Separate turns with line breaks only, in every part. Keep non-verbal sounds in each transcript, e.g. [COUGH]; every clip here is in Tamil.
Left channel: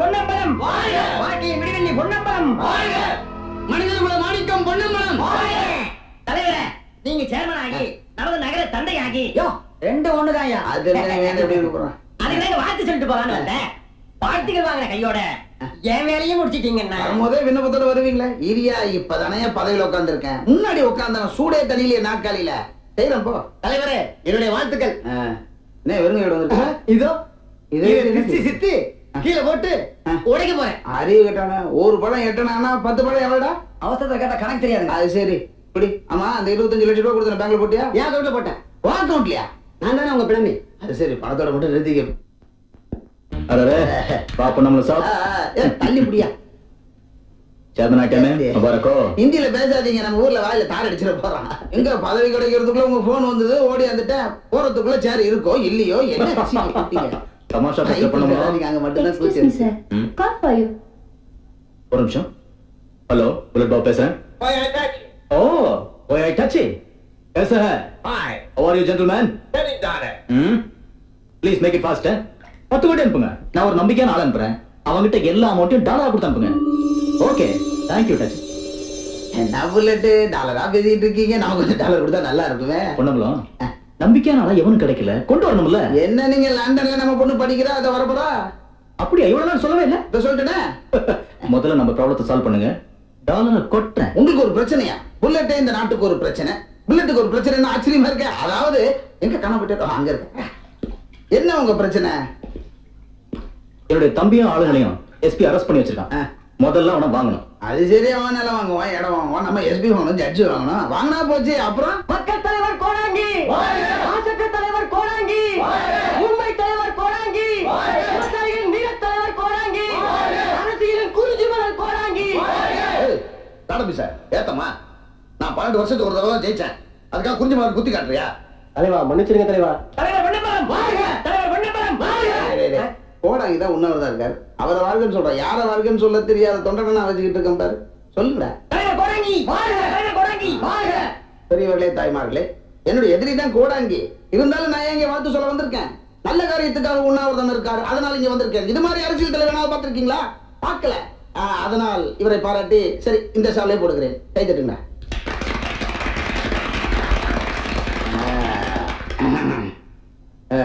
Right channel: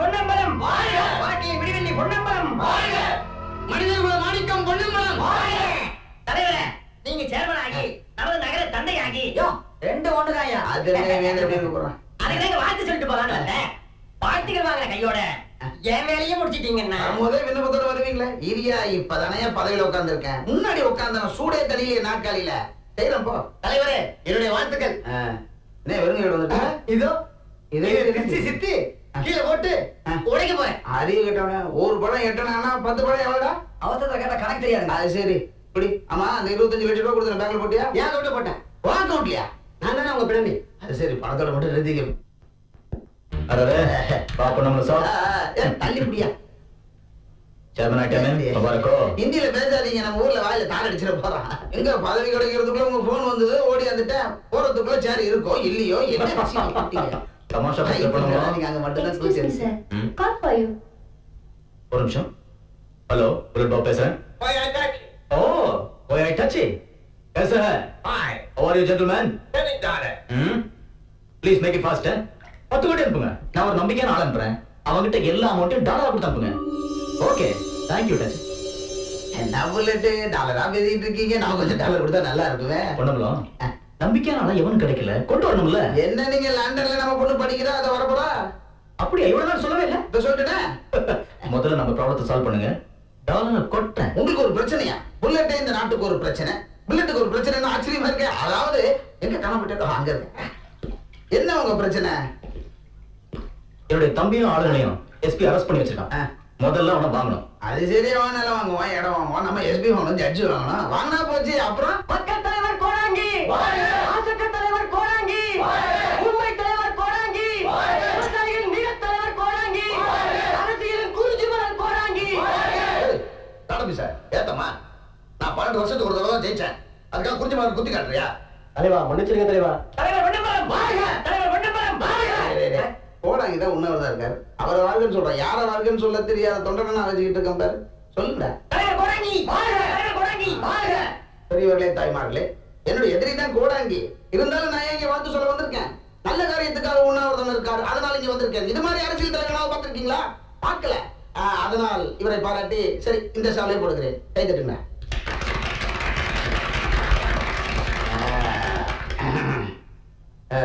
பொன்னம்பலம். வாழ்க்கையின் விடிவெள்ளி பொன்னம்பலம்.
மனிதர் குல மாணிக்கம் பொன்னம்பலம்.
தலைவரே நீங்க சேர்மன் ஆகி நமது நகர தந்தை ஆகி
யோ ரெண்டு ஒண்ணுதான்யா.
அது தெரிஞ்சா வேணும் எப்படி இருக்க போறான்
அதுக்கு தாங்க வாழ்த்து சொல்லிட்டு போலான்னு வந்தேன். வாழ்த்துக்கள் வாங்கின கையோட என் வேலையும் முடிச்சிட்டீங்கன்னா.
வரும்போதே விண்ணப்பத்தோட வருவீங்களே? இரியா இப்பதானே பதவியில உட்கார்ந்திருக்கேன் முன்னாடி உட்கார்ந்தவன் சூடே தண்ணியிலே நாக்காளியில செய்யறேன் போ.
தலைவரே என்னுடைய வாழ்த்துக்கள்.
என்ன வெறுங்க வீடு வந்திருக்க
இதோ
இது?
சித்தி கீழே போட்டு உடைக்க போறேன்.
அறிவு கேட்டவன ஒரு பழம் எட்டனா பத்து பழம் எவ்வளோடா?
அவசரத்துல கேட்டா கணக்கு தெரியாதுங்க.
அது சரி. இப்படி ஆமா அந்த இருபத்தஞ்சு லட்சம் ரூபா கொடுத்தன பேங்க்ல போட்டியா?
என் அக்கௌண்ட்ல போட்டேன்.
வா அக்கௌண்ட்லயா
நான் தானே உங்க பிணமே.
அது சரி பணத்தோட மட்டும் நிறுத்திக்க. அரரே
பாப்போம்
நம்மள சாப். தள்ளி முடியா
சேர்மன்
ஆயிட்டமே பேசாதீங்க நம்ம ஊர்ல வாயில தார் அடிச்சிட போறான். எங்க பதவி கிடைக்கிறதுக்குள்ள உங்க போன் வந்தது ஓடி வந்துட்டேன் போறதுக்குள்ள சேர் இருக்கோ இல்லையோ என்ன
தமாஷா பேசுற
கைப்பிடி
பண்ணோமா
வராதீங்க, அங்க மட்டும்தான்
Excuse
கூச்சல்
me, sir. Call for you.
ஒரு நிமிஷம் ஹலோ புல்லட் பாபு பேசுறேன் ஓ ஓய் ஐ டச் कैसा है
Hi,
how are you gentlemen
getting daughter.
ம் ப்ளீஸ் மேக் இட் ஃபாஸ்ட் பத்து கோடி அனுப்புங்க நான் ஒரு நம்பிக்கையான ஆள் அனுப்புறேன் அவங்கிட்ட எல்லா அமௌண்ட்டையும் டாலரா கொடுத்து அனுப்புங்க ஓகே தேங்க்யூ டச்
என்ன புல்லட்டு டாலரா பேசிட்டு இருக்கீங்க நமக்கு கொஞ்சம் டாலர் கொடுத்தா நல்லா இருக்குமே
பொண்ணம்பலம் நம்பிக்கையான ஆளா எவனும் கிடைக்கல. கொண்டு வரணும்ல.
என்ன நீங்க லண்டன்ல நம்ம பொண்ணு படிக்கிறா அதை வரப்போறா?
அப்படியா? இவ்வளவு நாள் சொல்லவே இல்ல.
இதை சொல்லிட்டேனே? [LAUGHS]
முதல்ல நம்ம ப்ராப்ளத்தை சால்வ் பண்ணுங்க. டாலரை கொட்டுறேன்.
உங்களுக்கு ஒரு பிரச்சனையா? புல்லட்டே இந்த நாட்டுக்கு ஒரு பிரச்சனை. புல்லட்டுக்கு ஒரு பிரச்சனை ஆச்சரியமா இருக்கு. அதாவது எங்க காண போயிட்டு அங்க இருக்க என்ன உங்க பிரச்சனை?
என்னுடைய தம்பியும் ஆளுங்களையும் எஸ்பி அரெஸ்ட் பண்ணி வச்சிருக்கான். முதல்ல அவனை வாங்கணும்.
அது சரி அவன் நிலம் வாங்குவான் இடம் வாங்குவான் நம்ம எஸ்பி வாங்கணும் ஜட்ஜி வாங்கணும். வாங்கினா போச்சு அப்புறம்?
மக்கள் தலைவர் கோடாங்கி! மாசற்ற தலைவர் கோடாங்கி! உண்மை தலைவர் கோடாங்கி! விவசாயிகளின் வீர தலைவர் கோடாங்கி! அரசியலின் குருஜிமலர் கோடாங்கி!
தாடபி சார் ஏத்தம்மா. நான் பன்னெண்டு வருஷத்துக்கு ஒரு தடவை தான் ஜெயிச்சேன். அதுக்காக குறிஞ்சி மலர் குத்தி காட்டுறியா?
தலைவா மன்னிச்சிருங்க தலைவா.
தலைவர் பொன்னம்பலம் தலைவர் பொன்னம்பலம்
போடாங்க தான் உண்ணவர் தான் இருக்காரு. அவரை வாழ்கன்னு சொல்றேன் யாரை வாழ்கன்னு சொல்ல தெரியாத தொண்டனை நான் வச்சுக்கிட்டு இருக்கேன் பாரு. சொல்லுங்கடா.
கோடாங்கி! கோடாங்கி!
பெரியவர்களே தாய்மார்களே என்னுடைய எதிரி தான் கோடாங்கி. இருந்தாலும் நான் இங்க வாழ்த்து சொல்ல வந்திருக்கேன்? நல்ல காரியத்துக்காக உண்ணாவிரதம் இருக்காரு. அதனால இங்க வந்திருக்கேன். இது மாதிரி அரசியல் தலைவனாவது பார்த்திருக்கீங்களா? பார்க்கல. அதனால் இவரை பாராட்டி சரி இந்த சாலையை போடுகிறேன். கை தட்டுங்கடா. ஆ,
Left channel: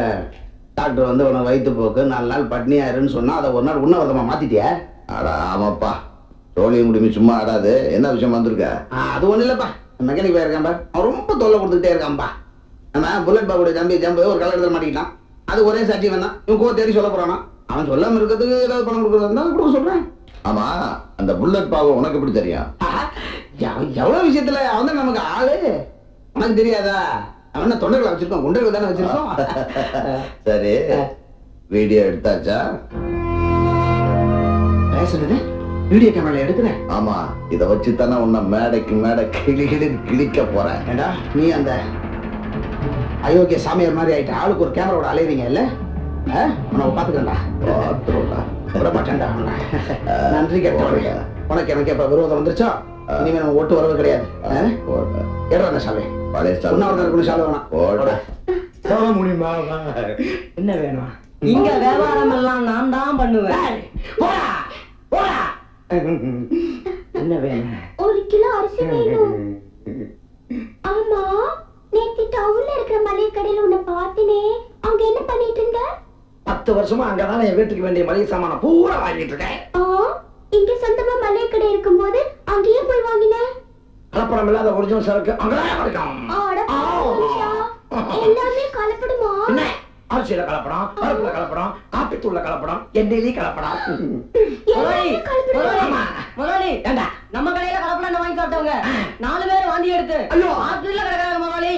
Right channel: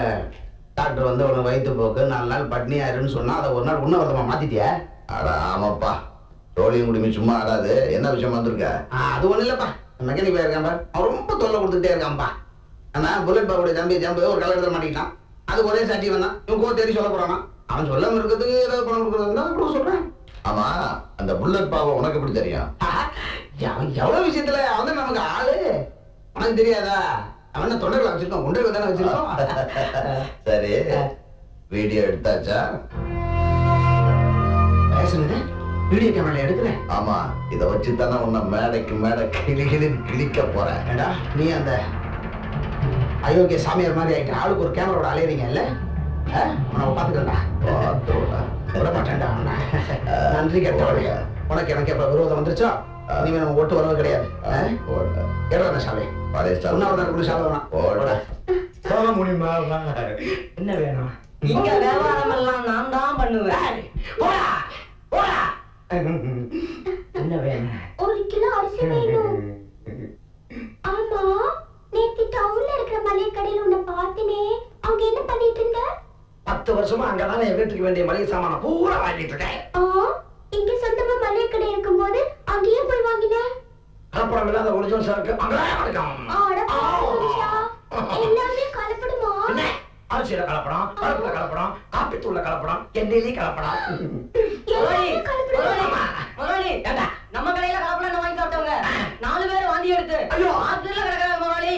டாக்டர் வந்து உனக்கு வயிற்று போக்கு நாலு நாள் பட்னியா இருன்னு சொன்னா அதை ஒரு நாள் உண்ணாவிரதமா மாத்திட்டியா?
அட ஆமாப்பா. ரோலியும் குடிமை சும்மா ஆடாது. என்ன விஷயம் வந்திருக்க?
ஆ, அது ஒண்ணும் இல்லப்பா. மெக்கானிக் பையன் இருக்கான் பார். அவன் ரொம்ப தொல்லை கொடுத்துக்கிட்டே இருக்கான்பா. நம்ம புல்லட் பாபுடைய தம்பி ஜம்பு ஒரு கல்யாணத்தில் மாட்டிக்கிட்டான். அது ஒரே சாட்சி வந்தான் இவன் கோ தேடி சொல்ல போறானா. அவன் சொல்லாம இருக்கிறதுக்கு ஏதாவது பணம் கொடுக்கறது இருந்தா கொடுக்க சொல்றேன்.
ஆமா அந்த புல்லட் பாபு உனக்கு எப்படி தெரியும்?
ஆஹா, எவ- எவ்வளவு விஷயத்துல அவன் தான் நமக்கு ஆளு? உனக்கு தெரியாதா? அவன் தொண்டர்களை வச்சிருக்கோம் குண்டர்கள் தானே வச்சிருக்கோம்? [LAUGHS]
சரி. வீடியோ எடுத்தாச்சா?
பேசுனது? வீடியோ கேமரால எடுக்கிறேன்
ஆமா. இத வச்சு தானே உன்னை மேடைக்கு மேடை கிளி கிளின்னு கிழிக்க போறேன்.
ஏண்டா நீ அந்த அயோக்கிய சாமியார் மாதிரி ஆயிட்ட. ஆளுக்கு ஒரு கேமராவோட அலையறீங்க இல்ல? உன்னை பாத்துக்கிறேன்டா.
பாத்துருடா
விட மாட்டேன்டா உன்னை. நன்றி கெட்டவனே. உனக்கு எனக்கு எப்ப விரோதம் வந்துருச்சோ? இனிமே நம்ம ஓட்டு வரவு கிடையாது? எடுறா அந்த சாலை
பழைய
இருக்கணும் சாலை வேணாம்.
என்ன வேணும்?
இங்க வியாபாரம் எல்லாம் நான் தான் பண்ணுவேன்.
ஏய், போடா. போடா. என்ன வேணும்?
ஒரு கிலோ அரிசி வேணும். ஆமா நேத்து டவுன்ல இருக்கிற மளிகை கடையில உன்னை பார்த்தனே. அங்க என்ன பண்ணிட்டு இருந்த?
பத்து வருஷமா அங்கதானே என் வீட்டுக்கு வேண்டிய மளிகை சாமான பூரா வாங்கிட்டு இருக்கேன்.
ஆ இங்க சொந்தமா மளிகை கடை இருக்கும்போது அங்கேயே போய் வாங்கின?
கலப்படம் இல்லாத ஒரிஜினல் சரக்கு அங்கதான் கிடைக்கும்.
எல்லாமே கலப்படுமா?
என்ன? அரிசியில கலப்படம் பருப்புல கலப்படம் காப்பி தூள்ல கலப்படம். எண்ணெயிலயும் கலப்படம்.
முதலாளி
ஏண்டா?
நம்ம கடையில கலப்படம் வாங்கி சாப்பிட்டவங்க? நாலு பேர் வாந்தி எடுத்து
ஐயோ.
ஹாஸ்பிடல்ல கிடக்குறாங்க முதலாளி.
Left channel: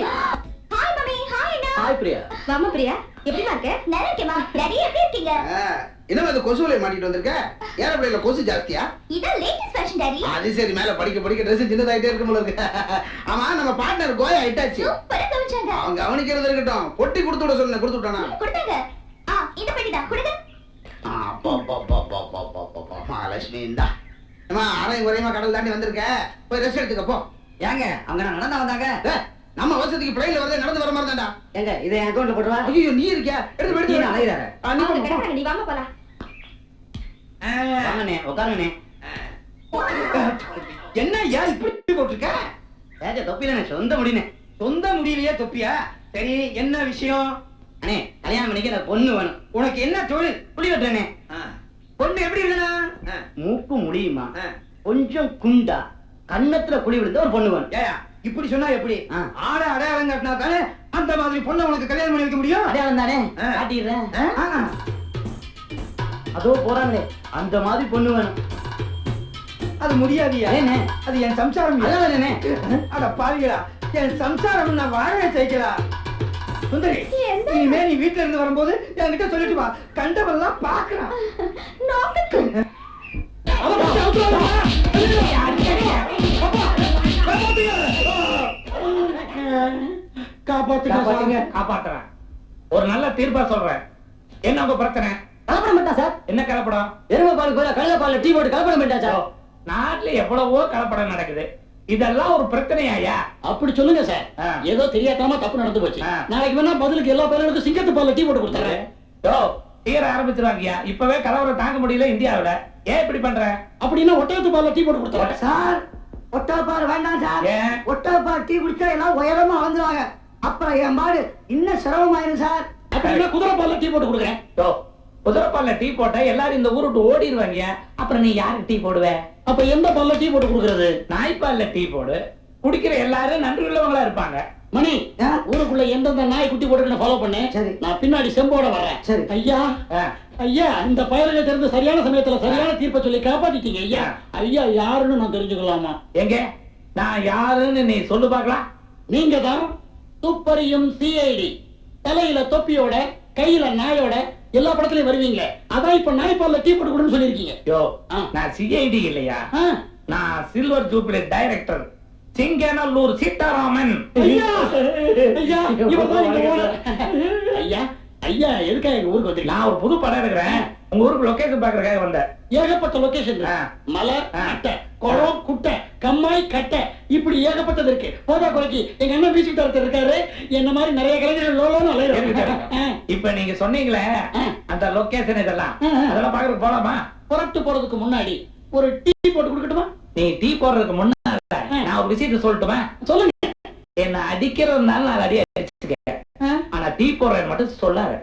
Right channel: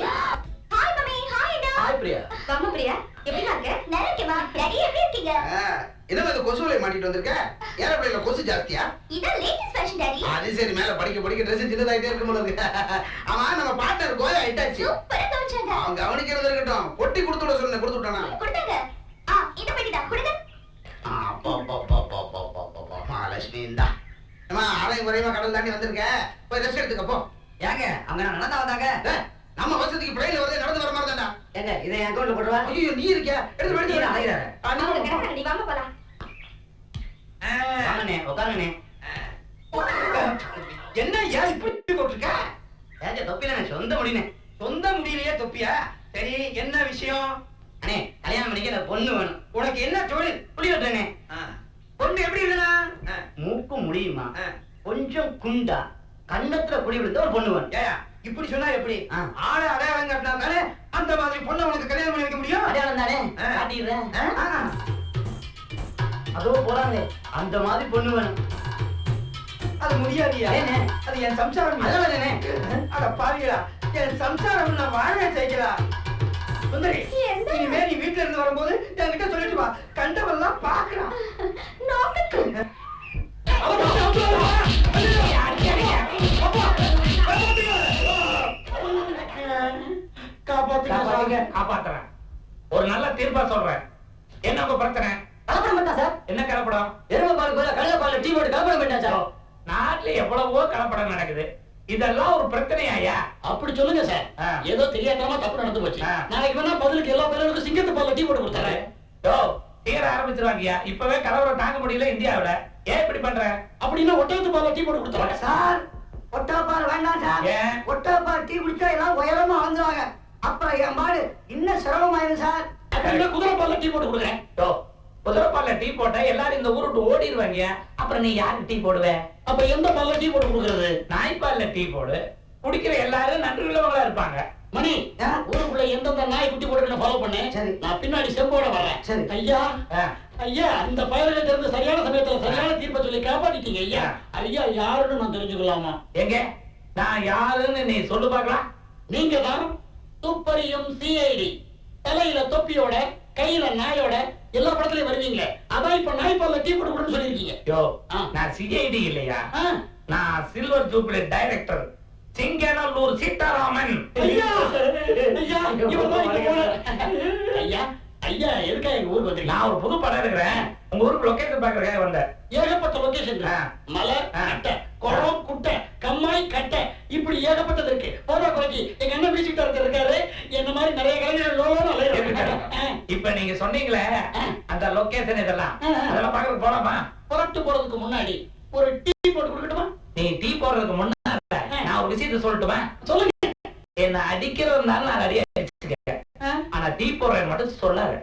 ஹாய் மம்மி ஹாய் அண்ணா.
ஹாய் பிரியா.
வாமா பிரியா. எப்படிமா இருக்க? நல்லா இருக்கேம்மா. டாடி எப்படி இருக்கீங்க.
என்னமா இது கொசுவலை மாட்டிட்டு வந்திருக்க? ஏரோப்ளேன்ல கொசு ஜாஸ்தியா?
இதான் லேட்டஸ்ட் ஃபேஷன் டாடி.
அது சரி மேல படிக்க படிக்க ட்ரெஸ் சின்னதாயிட்டே இருக்கும் போல இருக்கு. ஆமா நம்ம பார்ட்னர் கோயா ஹிட்டாச்சு
சூப்பரா கவனிச்சாங்க.
அவன் கவனிக்கிறது இருக்கட்டும். பொட்டி கொடுத்து விட சொன்னேன் கொடுத்து விட்டானா?
கொடுத்தாங்க. ஆ இந்த பெட்டிடா கொடுங்க.
அப்பா, அப்பா, அப்பா, அப்பா, அப்பா, அப்பா, அப்பா, அப்பா. மகாலட்சுமி இந்தா. அம்மா அரையும் குறையுமா கடல் தாண்டி வந்திருக்க? போய் ரெஸ்ட் எடுத்துக்க போ.
ஏங்க அவங்க நான் நடந்தா வந்தாங்க?
நம்ம வசதிக்கு பிளைன்ல வரதே நடந்து வர மாதிரி தான்டா.
ஏங்க இதை என் அக்கௌண்ட்ல போட்டுருவா
ஐயோ நீ இருக்கியா? எடுத்து போய் எடுத்து
நீ அலையிறாரு.
நீ
வாமா போலாம்.
வாங்கண்ணே உட்காருங்கண்ணே.
என்ன ஐயா இப்படி போட்டிருக்க?
ஏஜா தொப்பிலண்ணே சொந்த முடினே.
சொந்த முடியலையே தொப்பியா? சரி என்ன விஷயம்?
அண்ணே கல்யாணம் பண்ணிக்க எனக்கு பொண்ணு வேணும்.
உனக்கு என்ன தொழில்?
புளி வெட்டுறேனே.
பொண்ணு எப்படி இருக்கனா
மூக்கு முடியுமா? கொஞ்சம் குண்டா. கன்னத்துல குழி விழுந்த ஒரு பொண்ணு வேணும்.
ஏயா இப்படி சொன்னா எப்படி. ஆளை அடையாளம் காட்டினா தானே அந்த மாதிரி பொண்ணை உனக்கு கல்யாணம் பண்ணி வைக்க முடியும்?
அடையாளம் தானே. காட்டிடுறேன். அதோ போறாங்களே அந்த மாதிரி பொண்ணு வேணும்.
அது முடியாதியா?
ஏண்ணே
அது என் சம்சாரம் இல்ல.
அதனால
அட பாவிகளா என் சம்சாரம் நான் வாடகை செய்யலா சுந்தரி இனிமே நீ வீட்ல இருந்து வரும்போது என்கிட்ட சொல்லிட்டு வா. கண்டவெல்லாம் பாக்குறான். காப்பாத்துங்க
காப்பாத்துறேன். ஒரு நல்ல தீர்ப்பா சொல்றேன். என்ன உங்க பிரச்சனை?
கலப்படம் பண்ணிட்டான் சார்.
என்ன கலப்படம்?
எருமை பால் கோயில கழுத பால்ல டீ போட்டு கலப்படம்
ஓ,
சார்.
நாட்டுல எவ்வளவோ கலப்படம் நடக்குது. இதெல்லாம் ஒரு பிரச்சனையாயா
அப்படி சொல்லுங்க சார். ஏதோ தெரியாதனமா தப்பு நடந்து போச்சு. நாளைக்கு வேணா பதிலுக்கு எல்லா பேருக்கும் சிங்கத்து பால்ல டீ போட்டு கொடுத்துறேன்.
யோ தீர ஆரம்பிச்சிருவாங்கய்யா இப்பவே கலவரம் தாங்க முடியல இந்தியாவுல. ஏன் இப்படி பண்ற?
அப்படின்னா ஒட்டகத்து பால்ல டீ போட்டு கொடுத்துறேன்.
சார் ஒட்டகப்பால் வேண்டாம் சார்.
ஏன்?
ஒட்டகப்பால் டீ குடிச்சா எல்லாம் உயரமா வளர்ந்துருவாங்க. அப்புறம் என் பாடு இன்னும் சிரமமாயிரும் சார்.
அப்படின்னா குதிரை பால்ல டீ போட்டு கொடுக்குறேன்
யோ குதிரைப்பால்ல டீ போட்டா எல்லாரும் இந்த ஊரு விட்டு ஓடிடுவாங்க அப்புறம் நீ யாருக்கு டீ போடுவ?
அப்ப எந்த பால்ல டீ போட்டு கொடுக்கறது?
நாய்ப்பால்ல டீ போடு. குடிக்கிற எல்லாரும் நன்றி உள்ளவங்களா இருப்பாங்க.
மணி
ஆ?
ஊருக்குள்ள எந்தெந்த நாய் குட்டி போட்டுக்கணும் ஃபாலோ பண்ணு
சரி.
நான் பின்னாடி செம்போட வர்றேன்
சரி.
ஐயா. ஐயா இந்த பயல்கிட்ட இருந்து சரியான சமயத்துல சரியான தீர்ப்பை சொல்லி காப்பாத்திட்டீங்க ஐயா. ஐயா யாருன்னு நான் தெரிஞ்சுக்கலாமா
எங்க நான் யாருன்னு நீ சொல்லு பார்க்கலாம்
நீங்க தான் துப்பறியும் சிஐடி தலையில தொப்பியோட கையில நாயோட எல்லா படத்துலயும் வருவீங்களே அதான் இப்ப நாய்ப்பால்ல டீ போட்டு கொடுன்னு சொல்லிருக்கீங்க
யோ. நான் சிஐடி இல்லையா. நான் silver jubilee director Singanallur Seetharaman
ஐயா! ஐயா! இவர்தான் எங்க ஓனர். ஐயா ஐயா எதுக்காக எங்க ஊருக்கு வந்திருக்கீங்க?
நான் ஒரு புது படம் இருக்கிறேன் உங்க ஊருக்கு லொகேஷன் பாக்குறதுக்காக வந்தேன்.
ஏகப்பட்ட லொகேஷன். மலை. அட்டை குளம் குட்டை கம்மாய் கட்டை. இப்படி ஏகப்பட்டது இருக்கு. போதா குறைக்கு எங்க அண்ணன் மியூசிக் டைரக்டர் இருக்காரு. என்ன மாதிரி நிறைய கலைஞர்கள் லோலோன்னு
இருக்கட்டும். இப்ப நீங்க சொன்னீங்களே. அந்த லொகேஷன் இதெல்லாம். அதெல்லாம் பாக்குறதுக்கு போலாமா?
புறப்பட்டு போறதுக்கு முன்னாடி ஒரு டீ போட்டு கொடுக்கட்டுமா?
நீ டீ போடுறதுக்கு முன்னால. நான் ஒரு விஷயத்த சொல்லட்டுமா?
சொல்லுங்க.
என்ன அடிக்கிறதுனால நாலு அடி அடிச்சுக்க. ஆனா டீ போடுறேன்னு மட்டும் சொல்லாத.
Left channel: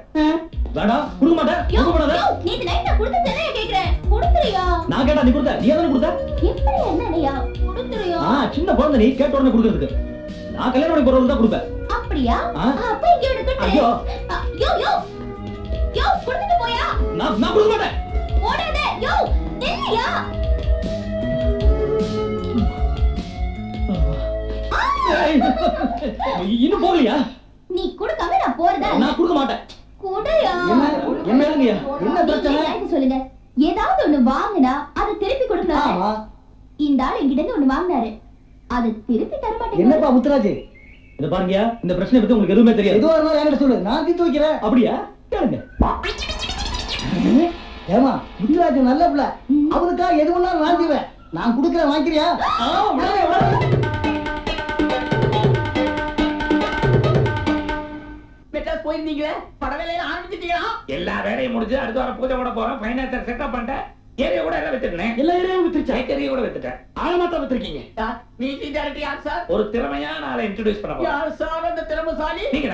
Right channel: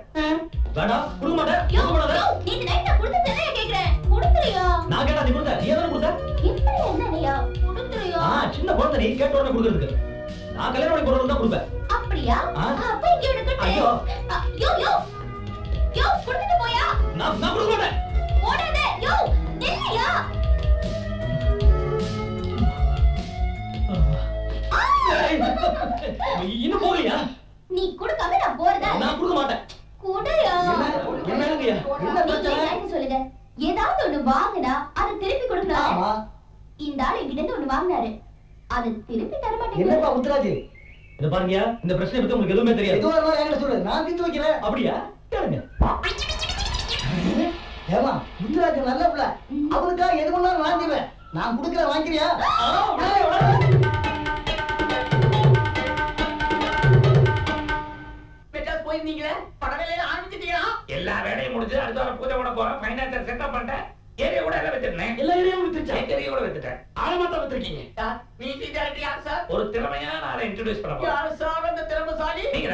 வேண்டாம் கொடுக்க மாட்டேன் கொடுக்க
யோ, நேத்து நைட் நான் கொடுத்த தென்னைய கேக்குறேன்? கொடுத்துறியா
நான் கேட்டா நீ கொடுத்த? நீ தானே கொடுத்த?
எப்படி இருந்தா என்னையா? கொடுத்துறியா
ஆ சின்ன குழந்தை நீ கேட்ட உடனே கொடுக்கறதுக்கு. நான் கல்யாணம் பண்ணி போறவங்களுக்கு தான் கொடுப்பேன்.
அப்படியா. அப்ப இங்க ஒண்ணு கட்டு.
ஐயோ.
யோ யோ. யோ கொடுத்துட்டு போயா?
நான் நான் கொடுக்க மாட்டேன்.
ஓடாத யோ நில்லையா?
இன்னும் போகலையா?
நீ கொடுக்காம நான் போறதா.
நான் கொடுக்க மாட்டேன்.
குடுயா.
என்ன?
என்ன பிரச்சனை?
சொல்லுங்க? ஏதாவது ஒண்ணு வாங்குனா அதை திருப்பி கொடுக்கணும்
ஆமா.
இந்த ஆள் எங்கிட்ட இருந்து ஒண்ணு வாங்கினாரு. அதை திருப்பி தர மாட்டேங்க
என்னப்பா முத்துராஜ்?
இத பாருங்கயா இந்த பிரச்சனை பத்தி உங்களுக்கு எதுவுமே தெரியாது.
எதுவா இருந்தாலும் என்கிட்ட சொல்லு. நான் தீர்த்து வைக்கிறேன்.
அப்படியா? கேளுங்க.
ஏமா முத்துராஜ் நல்ல புள்ள. அவனுக்கா எது வேணாலும் நான் செய்வேன் நான் கொடுக்குறேன் வாங்கிக்கிறியா?
மெட்ராஸ் போயிருந்தீங்களே? பட வேலையில ஆரம்பிச்சிட்டீங்களா?
எல்லா வேலையும் முடிஞ்சு அடுத்த வாரம் பூஜை கூட போறேன். பைனான்சர் செட்டப் பண்ணிட்டேன். ஏரியா கூட எல்லாம் வித்துட்டேன்.
எல்லா ஏரியாவும் வித்துருச்சா?
ஏக்கரியா கூட வித்துட்டேன்.
ஆழமா தான் வித்துருக்கீங்க.
மியூசிக் டைரக்டர் யார் சார்
ஒரு திறமையான ஆளை இன்ட்ரோடியூஸ் பண்ண போறேன்.
யார் சார் அந்த திறமசாலி?
நீங்க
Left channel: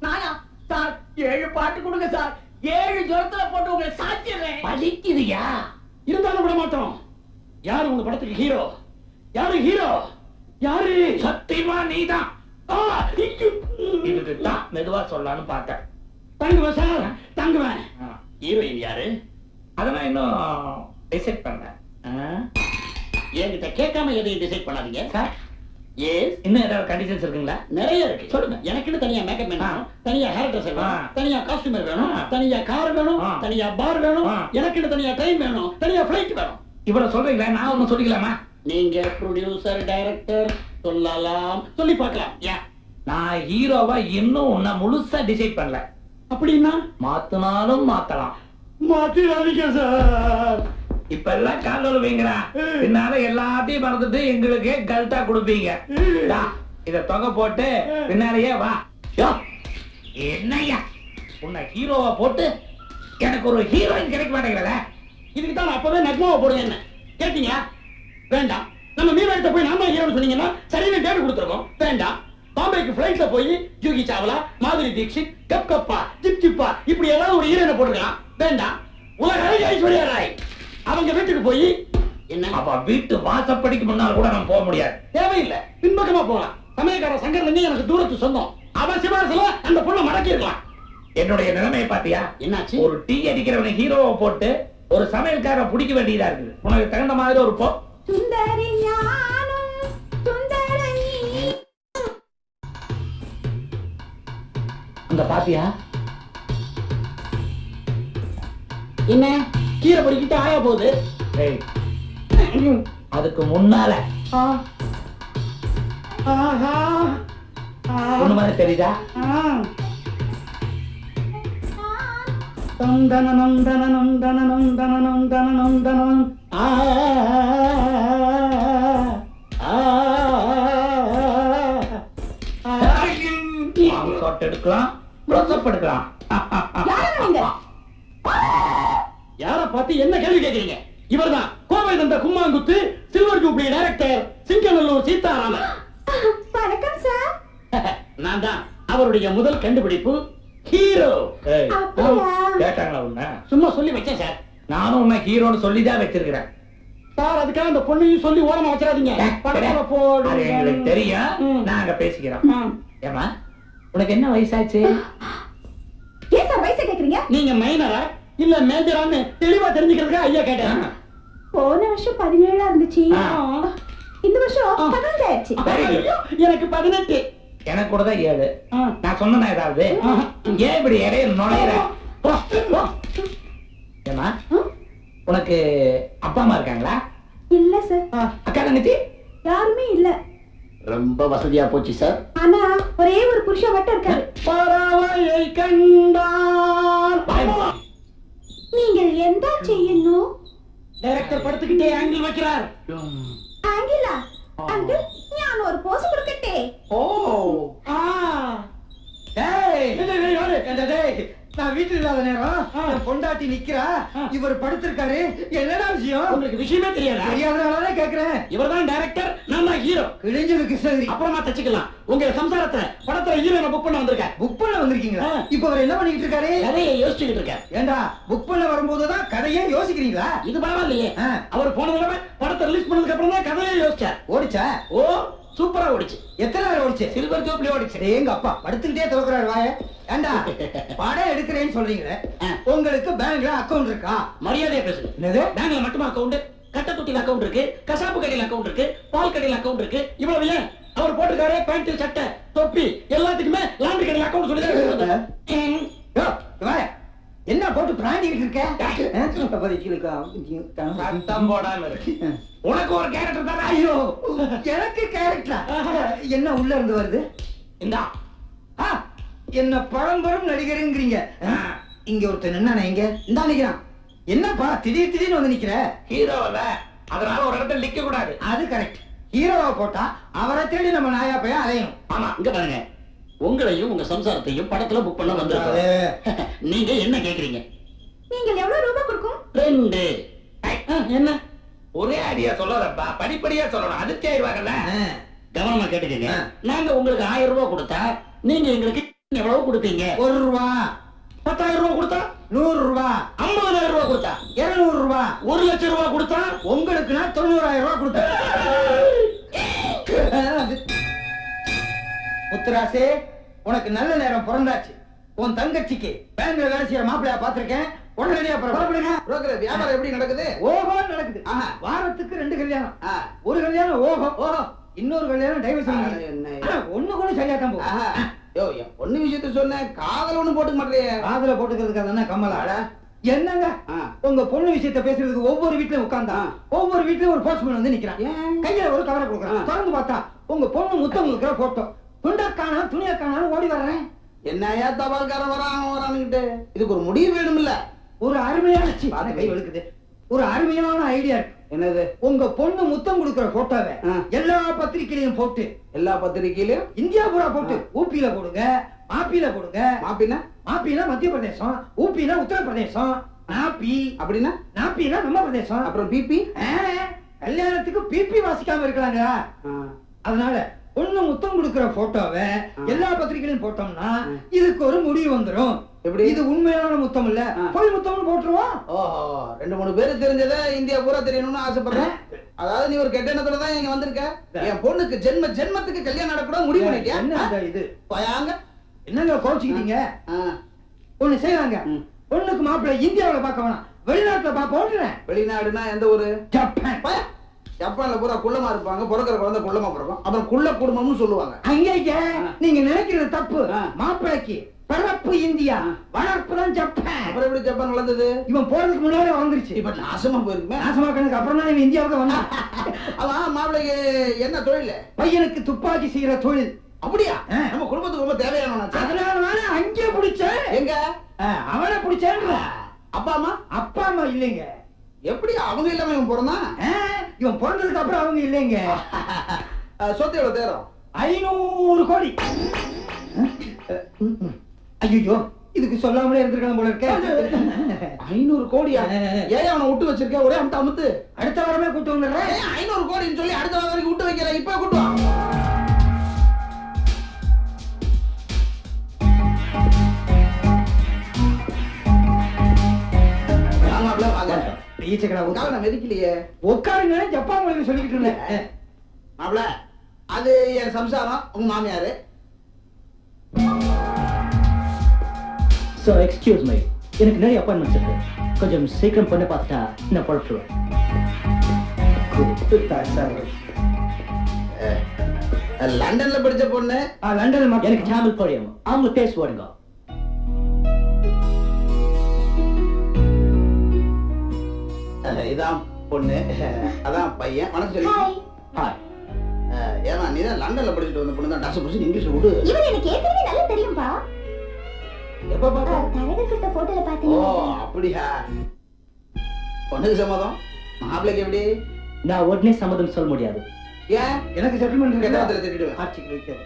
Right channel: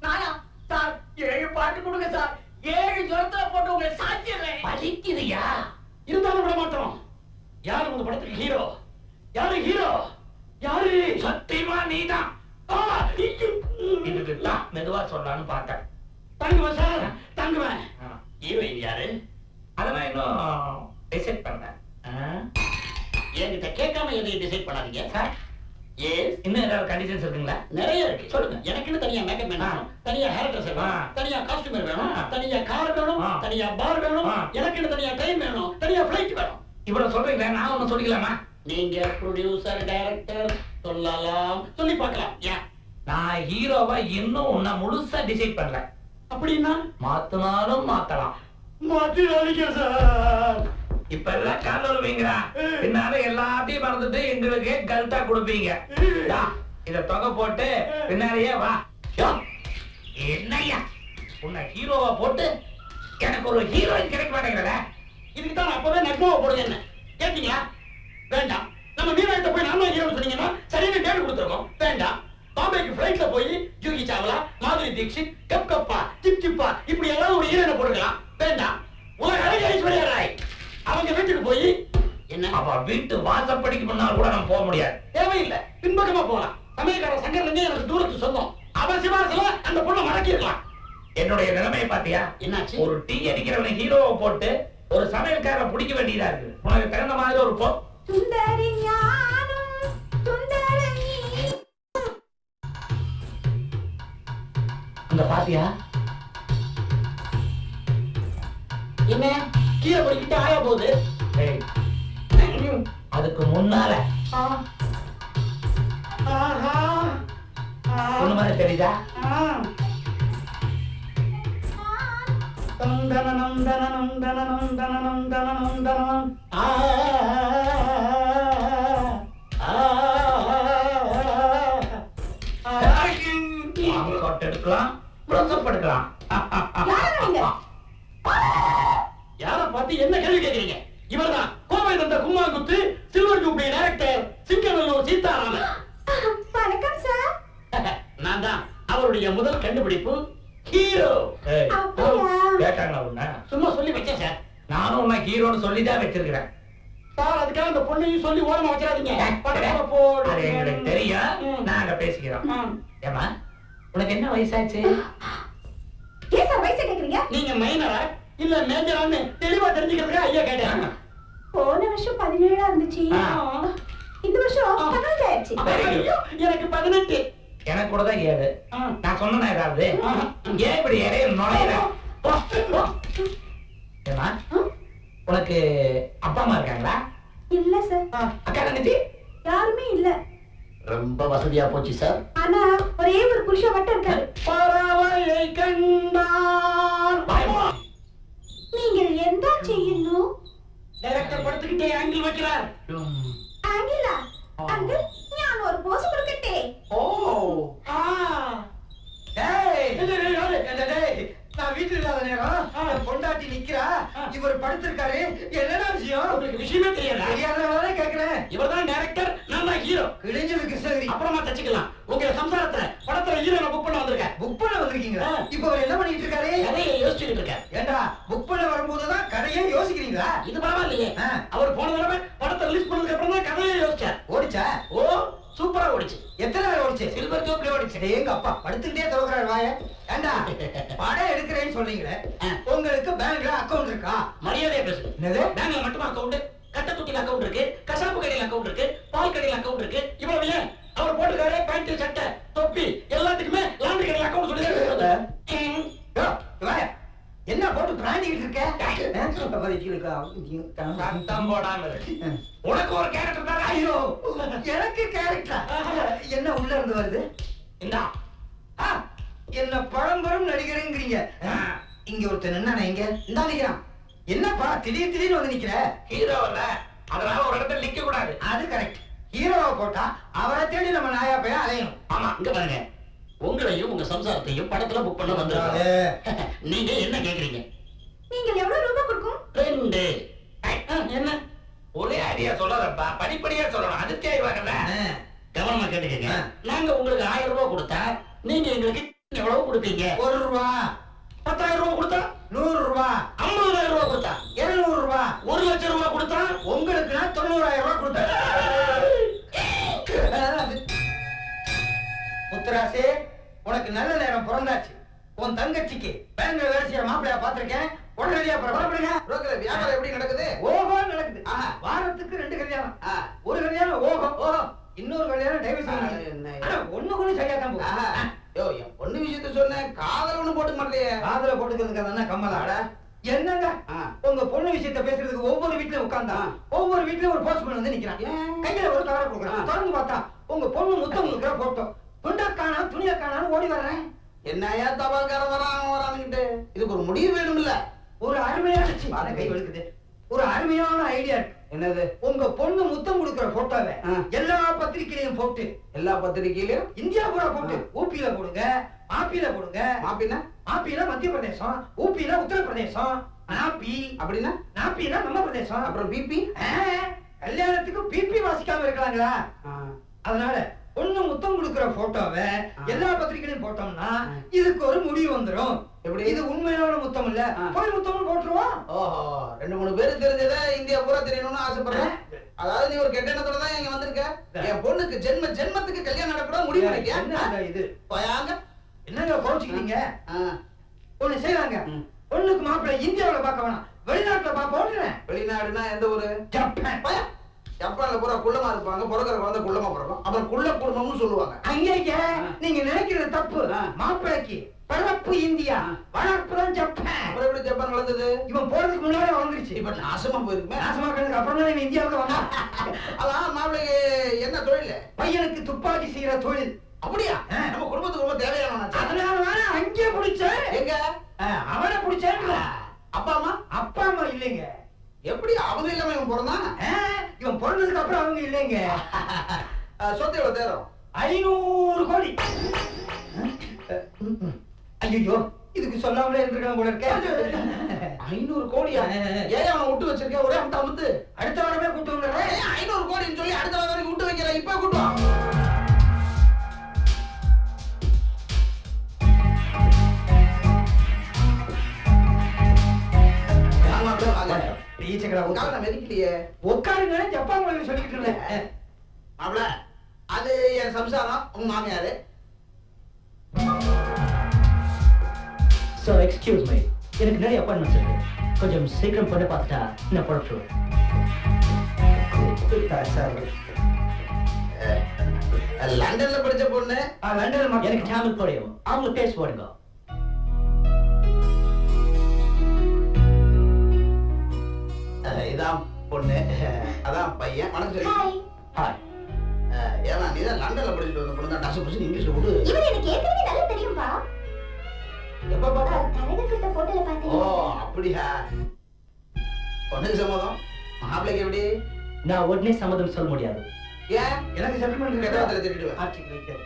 நானா? சார் ஏழு பாட்டு கொடுங்க சார். ஏழு ஜுரத்துல போட்டு உங்களை சாச்சிடுறேன்
பலிக்குதுயா?
இருந்தாலும் விட மாட்டோம் யாரு உங்க படத்துக்கு ஹீரோ யாரு ஹீரோ யாரு?
சத்தியமா நீதான். இதுக்கு தான் மெதுவா சொல்லலாம்னு பார்த்தேன்.
தங்குவேன் சார் தங்குவேன். ஹீரோயின் யாரு?
அதை நான் இன்னும் டிசைட் பண்ணல?
என்கிட்ட கேட்காம எதையும் டிசைட் பண்ணாதீங்க.
சார்.
எஸ்
இன்னும் ஏதாவது கண்டிஷன்ஸ் இருக்குங்களா?
நிறைய இருக்கு.
சொல்லுங்க.
எனக்குன்னு தனியா மேக்கப் வேணும். தனியா ஹேர் ட்ரெஸ்ஸர் வேணும். தனியா காஸ்டியூமர் வேணும். தனியா கார் வேணும். தனியா பார் வேணும். எனக்குன்னு தனியா ட்ரெயின் வேணும். தனியா ஃபிளைட் வேணும்.
இவ்வளவு சொல்றீங்களே நான் ஒன்னும் சொல்லிக்கலாமா?
நீங்க ப்ரொடியூசர் டைரக்டர் சொல்லலாம். சொல்லி பார்க்கலாம். யா.
நான் ஹீரோவா இன்னும் உன்னை முழுசா டிசைட் பண்ணல.
அப்படின்னா?
மாத்தினாலும் மாத்தலாம்.
மாத்திராதீங்க சார்
இப்ப எல்லாம் கால் விழுவீங்கடா பின்னால எல்லாத்தையும் மறந்துட்டு எங்களுக்கு கல்ட்டா கொடுப்பீங்க. இத தொங்க போட்டு பின்னாலேயே வா. யோ, என்னய்யா? உன்னை ஹீரோவா போட்டு எனக்கு ஒரு ஹீரோயின் கிடைக்க மாட்டேங்கிறல.
இதுக்கு தான் அப்பவே நக்மாவை போடுங்க என்ன கேட்டீங்களா? வேண்டாம். நம்ம மீனாயிட்ட போய் நான் தான் ஹீரோன்னு சொன்னீங்கன்னா சரின்னு டேட் கொடுத்துருக்கோம். வேண்டாம். பாம்பேக்கு ஃபிளைட்ல போய் ஜூகி சாவலா மாதுரி தீக்ஷித் கப் கப்பா ஜிப் ஜிப்பா இப்படி ஏதாவது ஒரு ஹீரோனை போட்டுக்கலாம். வேண்டாம். உலக அழகி ஐஸ்வர்யா ராய். அவங்க வீட்டுக்கு போய் என்ன?
அவ வீட்டு வாசப்படிக்கு முன்னால கூட நம்ம போக முடியாது.
தேவையில்லை. பின்பக்கமா போகலாம். சமயக்கார சங்கர்லிங்க எனக்கு தூரத்து சொந்தம். அவ சிபாரசுல அந்த பொண்ணை மடக்கி இருக்கலாம்
என்னுடைய நிலைமையை பாத்தியா
என்னாச்சு?
ஒரு டீ அடிக்கிறவனை ஹீரோவை போட்டு ஒரு சமையல்காரரை பிடிக்க வேண்டியதா இருக்குது. உனக்கு தகுந்த மாதிரி ஒரு போ.
சுந்தரி ஞானம்
அங்க பாத்தியா?
என்ன? கீரை பொறிக்கிட்டு ஆயா போகுது.
அதுக்கு முன்னால. ஒண்ணு மாதிரி தெரியுதா?
தம் தனனம் தனனம் தனனம் தனனம் தனனம் தனனம்
ஷாட் எடுக்கலாம். ப்ளஸ்அப் எடுக்கலாம்.
யார பார்த்து என்ன கேள்வி கேக்குறீங்க இவர்தான் கோவை தந்த கும்மாங்குத்து silver jubilee director Singanallur Seetharaman.
வணக்கம் சார்
நான் தான் அவருடைய முதல் கண்டுபிடிப்பு ஹீரோ
கேட்டாங்களா உன்ன?
சும்மா சொல்லி வச்சேன் சார்
நானும் உன்னை ஹீரோன்னு சொல்லி தான் வச்சிருக்கிறேன்.
சார் அதுக்காக அந்த பொண்ணையும் சொல்லி ஓரமா வச்சிடாதீங்க. படத்துல போடு
அது எங்களுக்கு தெரியும். நாங்க பேசிக்கிறோம். ஏமா உனக்கு என்ன வயசாச்சு?
ஏன் சார் வயசை கேக்குறீங்க?
நீங்க மைனரா இல்ல மேஜரான்னு தெளிவா தெரிஞ்சுக்கிறதுக்கு ஐயா கேட்டேன்.
போன வருஷம் பதினேழா இருந்துச்சு. இந்த வருஷம் பதினஞ்சு ஆயிடுச்சு
எனக்கு பதினெட்டு.
எனக்கு கூட தான் ஏழு. நான் சொன்னேனா ஏதாவது? ஏன் இப்படி இடையில நுழையிற?
போ, போ.
ஏமா? உனக்கு அப்பா அம்மா இருக்காங்களா
இல்ல சார்
அக்கா தங்கச்சி
யாருமே இல்ல
ரொம்ப வசதியா போச்சு சார்
ஆனா ஒரே ஒரு புருஷன் மட்டும் இருக்காரு
பறவையை கண்டான்
பயமா
நீங்கள் எந்த செய்யணும்
டைரக்டர் படத்துக்கிட்டே ஆங்கிள் வைக்கிறார்
ஆங்கிலா அங்கிள் ஞான ஒரு போஸ் கொடுக்கட்டே
ஓ ஆ டேய்? டேய்
நான் வீட்டுல இல்லாத நேரம் என் பொண்டாட்டி நிக்கிறா? இவர் படுத்திருக்காரு. என்னடா விஷயம்?
உங்களுக்கு விஷயமே தெரியாதா?
தெரியாதனாலதான் கேக்குறேன்.
இவர்தான் டைரக்டர் நான் தான் ஹீரோ
கிழிஞ்சது கிருஷ்ணகிரி.
அப்புறமா தச்சுக்கலாம். உங்க சம்சாரத்துல படத்துல ஹீரோனை புக் பண்ண வந்திருக்கார்.
புக் பண்ண வந்திருக்கீங்களா. இப்ப அவர் என்ன பண்ணிட்டு இருக்காரு
கதையை யோசிச்சுக்கிட்டு இருக்கார்.
ஏண்டா புக் பண்ண வரும்போதுதான் கதையே யோசிக்கிறீங்களா?
இது பரவாயில்லையே. அவர் போன தடவை படத்தை ரிலீஸ் பண்ணதுக்கு அப்புறம் தான் கதையை யோசிச்சார்.
ஓடிச்சா?
ஓ சூப்பரா ஓடிச்சு.
எத்தனை நாள் ஓடிச்சு?
சில்வர் ஜூப்ளி ஓடிச்சு.
எங்க அப்பா படுத்துக்கிட்டே திறக்கிறாரு வாய. ஏண்டா [LAUGHS] படம் எடுக்கிறேன்னு சொல்றீங்களே. உங்களுக்கு பேங்க்ல அக்கவுண்ட் இருக்கா?
மரியாதையா பேசுங்க.
என்னது?
பேங்க்ல மட்டுமா அக்கவுண்ட் கட்ட தொட்டில அக்கவுண்ட் இருக்கு கசாப்பு கடையில அக்கவுண்ட் இருக்கு பால் கடையில அக்கவுண்ட் இருக்கு. இவ்வளவு ஏன்? அவர் போட்டிருக்காரு பேண்ட் சட்டை தொப்பி எல்லாத்துக்குமே லாண்டரி கடையில அக்கவுண்ட் சொல்லி தான்
என்ன போட்டு பிராண்டிக்கிட்டு இருக்க?
சத்தம் போடாம உனக்கு ஒரு கேரக்டர் தர
ஐயோ எனக்கு கேரக்டரா என்ன உள்ள இருந்து வருது?
இந்தா.
ஆ, என்ன பழம்பெரும் நடிகருங்கிறீங்க. இங்க ஒருத்தன் என்ன இங்க இந்தா நிக்கிறான். என்னப்பா திடீர் திடீர்னு வந்து நிக்கிற?
ஹீரோ இல்ல அதனால ஒரு இடத்துல நிக்க கூடாது
அது கரெக்ட் ஹீரோவா போட்டா அவரை தேடி நம்ம நாயா பையன் அலையணும்.
ஆமா
இங்க பாருங்க. உங்களையும் உங்க சம்சாரத்தையும் படத்துல புக் பண்ண வந்திருக்கோம். [LAUGHS] நீங்க என்ன கேக்குறீங்க?
நீங்கள் எவ்வளவு ரூபாய் கொடுக்கும்?
ரெண்டு. என்ன?
ஒரே ஐடியா சொல்லாதப்பா. படிப்படியா சொல்லணும். அதிர்ச்சி ஆயிருவாங்கல்ல
ஆ,
கவனமா கேட்டுக்கங்க. நாங்க உங்களுக்கு ஆயிரம் ரூபாய் கொடுத்தா நீங்க எங்களுக்கு எவ்வளவு கொடுப்பீங்க?
ஒரு ரூபா.
பத்தாயிரம் ரூபாய் கொடுத்தா?
நூறு ரூபா.
ஐம்பதாயிரம் ரூபாய் கொடுத்தா?
இருநூறு ரூபா.
ஒரு லட்சம் ரூபாய் கொடுத்தா?
உங்களுக்குன்னா தொண்ணூறாயிரம் ரூபாய் கொடுப்பேன் [LAUGHS] முத்துராசே உனக்கு நல்ல நேரம் பிறந்தாச்சு. உன் தங்கச்சிக்கு பேங்க்ல வேலை செய்யற மாப்பிளையா பாத்திருக்கேன் உடனடியா புறப்படுங்க.
புரோக்கர் வியாபாரம் எப்படி நடக்குது?
ஓஹோ நடக்குது. வாரத்துக்கு ரெண்டு கல்யாணம். ஒரு கல்யாணம் ஓஹோ. ஓஹோ. இன்னொரு கல்யாணம் டைவர்ஸ்? ஒண்ணு சரியா தான் போகும்.
யோ விஷயத்த சொன்னேன் காதல் ஒண்ணும் போட்டுக்க மாட்டேறியே.
காதுல போட்டுக்கிறதுக்கு அதானே கம்மலா. என்னங்க. உங்க பொண்ணு விஷயத்த பேசுறதுக்கு ஒவ்வொரு வீட்லயும் உட்கார்ந்தா. ஒவ்வொரு வீட்லயும் ஒரு போஸ்ட்மேன் வந்து நிக்கிறான்? கையில ஒரு கவரை கொடுக்குறான். திறந்து பார்த்தா உங்க பொண்ணு முத்தம் கொடுக்குற போட்டோ துண்டக்கானா துணியக்கானாலும் ஓடி வர்றேன்.
என்னையா தபால்காரன் வரான் வரானுங்கிட்டு இதுக்கு ஒரு முடிவு வேணும்ல?
ஒரு அருமையான கை
வை.
வெளுக்குது ஒரு அருமையான ஐடியா இருக்கு.
என்னது?
உங்க பொண்ணு முத்தம் கொடுக்குற போட்டோவை. எல்லா பத்திரிக்கையிலையும் போட்டு
எல்லா பத்திரிக்கையிலயும்
இந்தியா பூரா போட்டு ஊப்பியில போடுங்க மாப்பியில போடுங்க.
மாப்பின்னா?
மாப்பினா மத்திய பிரதேசம் ஊப்பினா உத்தரப்பிரதேசம் நாப்பி.
அப்படின்னா?
நாப்பின்னா நம்ம பிரதேசம்.
அப்புறம் பிபி
கல்யாணத்துக்கு பிபி வாசிக்காம இருக்கலாங்களா? அதனால பொண்ணு முத்தம் கொடுக்கிற போட்டோவை எல்லா பத்திரிகையிலும் போட்டோம்னா இதுக்கு ஒரு முடிவு வந்துரும்.
எப்படி?
இது உண்மையான முத்தம் இல்ல. போய் முத்தம்னு போட்டுருவோம்.
ஓஹோ ரெண்டு மூணு பேரு தெரிஞ்சதை இந்தியா பூரா தெரியணும்னு ஆசைப்படுறேன். அதாவது நீ ஒரு கெட்ட எண்ணத்தோட தான் இங்க வந்திருக்க. என் பொண்ணுக்கு ஜென்ம ஜென்மத்துக்கு கல்யாணம் நடக்கூடாது முடிவு பண்ணிட்டியா?
என்ன இது?
போயாங்க.
என்னங்க கோச்சுக்கிட்டீங்க ஒண்ணு செய்யலாங்க பொண்ணுக்கு மாப்பிள்ளை இந்தியாவுல பார்க்க வேணாம். வெளிநாட்டுல பாப்போன்றேன்
வெளிநாடுனா எந்த ஊரு?
ஜப்பான்.
ஜப்பான்ல பூரா குள்ளமா இருப்பாங்க பிறக்கிற குழந்தை குள்ளமா பிறக்கும். அப்புறம் குள்ள குடும்பம்னு சொல்லுவாங்க.
அங்கேயே நீங்க நினைக்கிறது தப்பு.
ஆ.
மாப்பிள்ளைக்கு பிறப்பு இந்தியா வளர்ப்பு தான் ஜப்பான்.
அப்புறம் எப்படி ஜப்பான் வளர்ந்தது?
இவன் போறதுக்கு முன்னாலே வளர்ந்துருச்சு.
இப்ப நாசமா போயிருக்குமே.
நாசமாக்கினதுக்கு அப்புறம் தான் இவன் இந்தியாவுக்கு வந்தான். [LAUGHS]
அதான் மாப்பிள்ளைக்கு என்ன தொழில்?
பையனுக்கு துப்பாக்கி செய்யற தொழில்.
அப்படியா. நம்ம குடும்பத்துக்கு ரொம்ப தேவையானவனாச்சு
அதனால தானே அங்கே பிடிச்சேன்.
எங்க?
அவனை பிடிச்சேன்ற.
அப்பா அம்மா?
அப்பா அம்மா இல்லைங்க.
எப்படி அவங்க இல்லாம இவன் பிறந்தான்?
இவன் பிறந்ததுக்கு அப்புறம் அவங்க இல்லைங்க.
சொத்து எவ்வளவு தேரும்?
ஐநூறு கோடி. ஐயோ இதுக்கு சொல்லாமலே இருந்திருக்கலாம் போல இருக்க.
ஐநூறு கோடியா. ஏன் அவனை விட்டு வச்சிருக்க? ஒரே அமுத்து அமுத்து.
அடுத்த வாரமே கூட்டு வந்துடுறேன்
ஐநூறு கோடின்னு சொல்லி அடுத்த வாரம் வரைக்கும் விட்டு வைக்கிற? இப்ப கூட்டு வா. வாங்க மாப்பிள்ளை, வாங்க.
ஈச்சக்கடா.
காலை நான் மெதிக்கலையே.
உட்காருங்கன்னு ஜப்பான் மொழியில சொல்லிக்கிட்டு இருந்தேன்.
மாப்பிள அது என் சம்சாரம் உங்க மாமியாரு.
ஸோ எக்ஸ்கியூஸ் மீ எனக்கு நிறைய அப்பாயின்மெண்ட்ஸ் இருக்கு. கொஞ்சம் சீக்கிரம் பொண்ணை பார்த்துட்டா நான் புறப்பட்டுருவேன்
அஹ், லண்டன்ல படிச்ச பொண்ணு?
லண்டன்ல மட்டும்
எனக்கு தமிழ் புரியும் அவங்கள பேச
இதான் பொண்ணு. அதான் பையன். வணக்கம் சொல்லி.
ஹாய்
ஏமா நீ தான் லண்டன்ல படிச்சுட்டு வந்த பொண்ணு தான் டஸ் புடிச்சு இங்கிலீஷ்ல விடு.
இவர் எனக்கு ஏற்கனவே நல்லா தெரியும்பா.
எப்ப பார்த்த
தரகர் கிட்ட போட்டோல
ஓ
பாத்தீங்க
அப்படியா? பொண்ணுக்கு சம்மதம்? மாப்பிள்ளைக்கு எப்படி?
நான் உடனே சம்மதம் சொல்ல முடியாது.
ஏன்?
எனக்கு செட்டில்மெண்ட்
கெட்ட
இருக்கு
வார்த்தையில திட்டிடுவேன்
ஆர்ச்சிக்கு வைக்காது.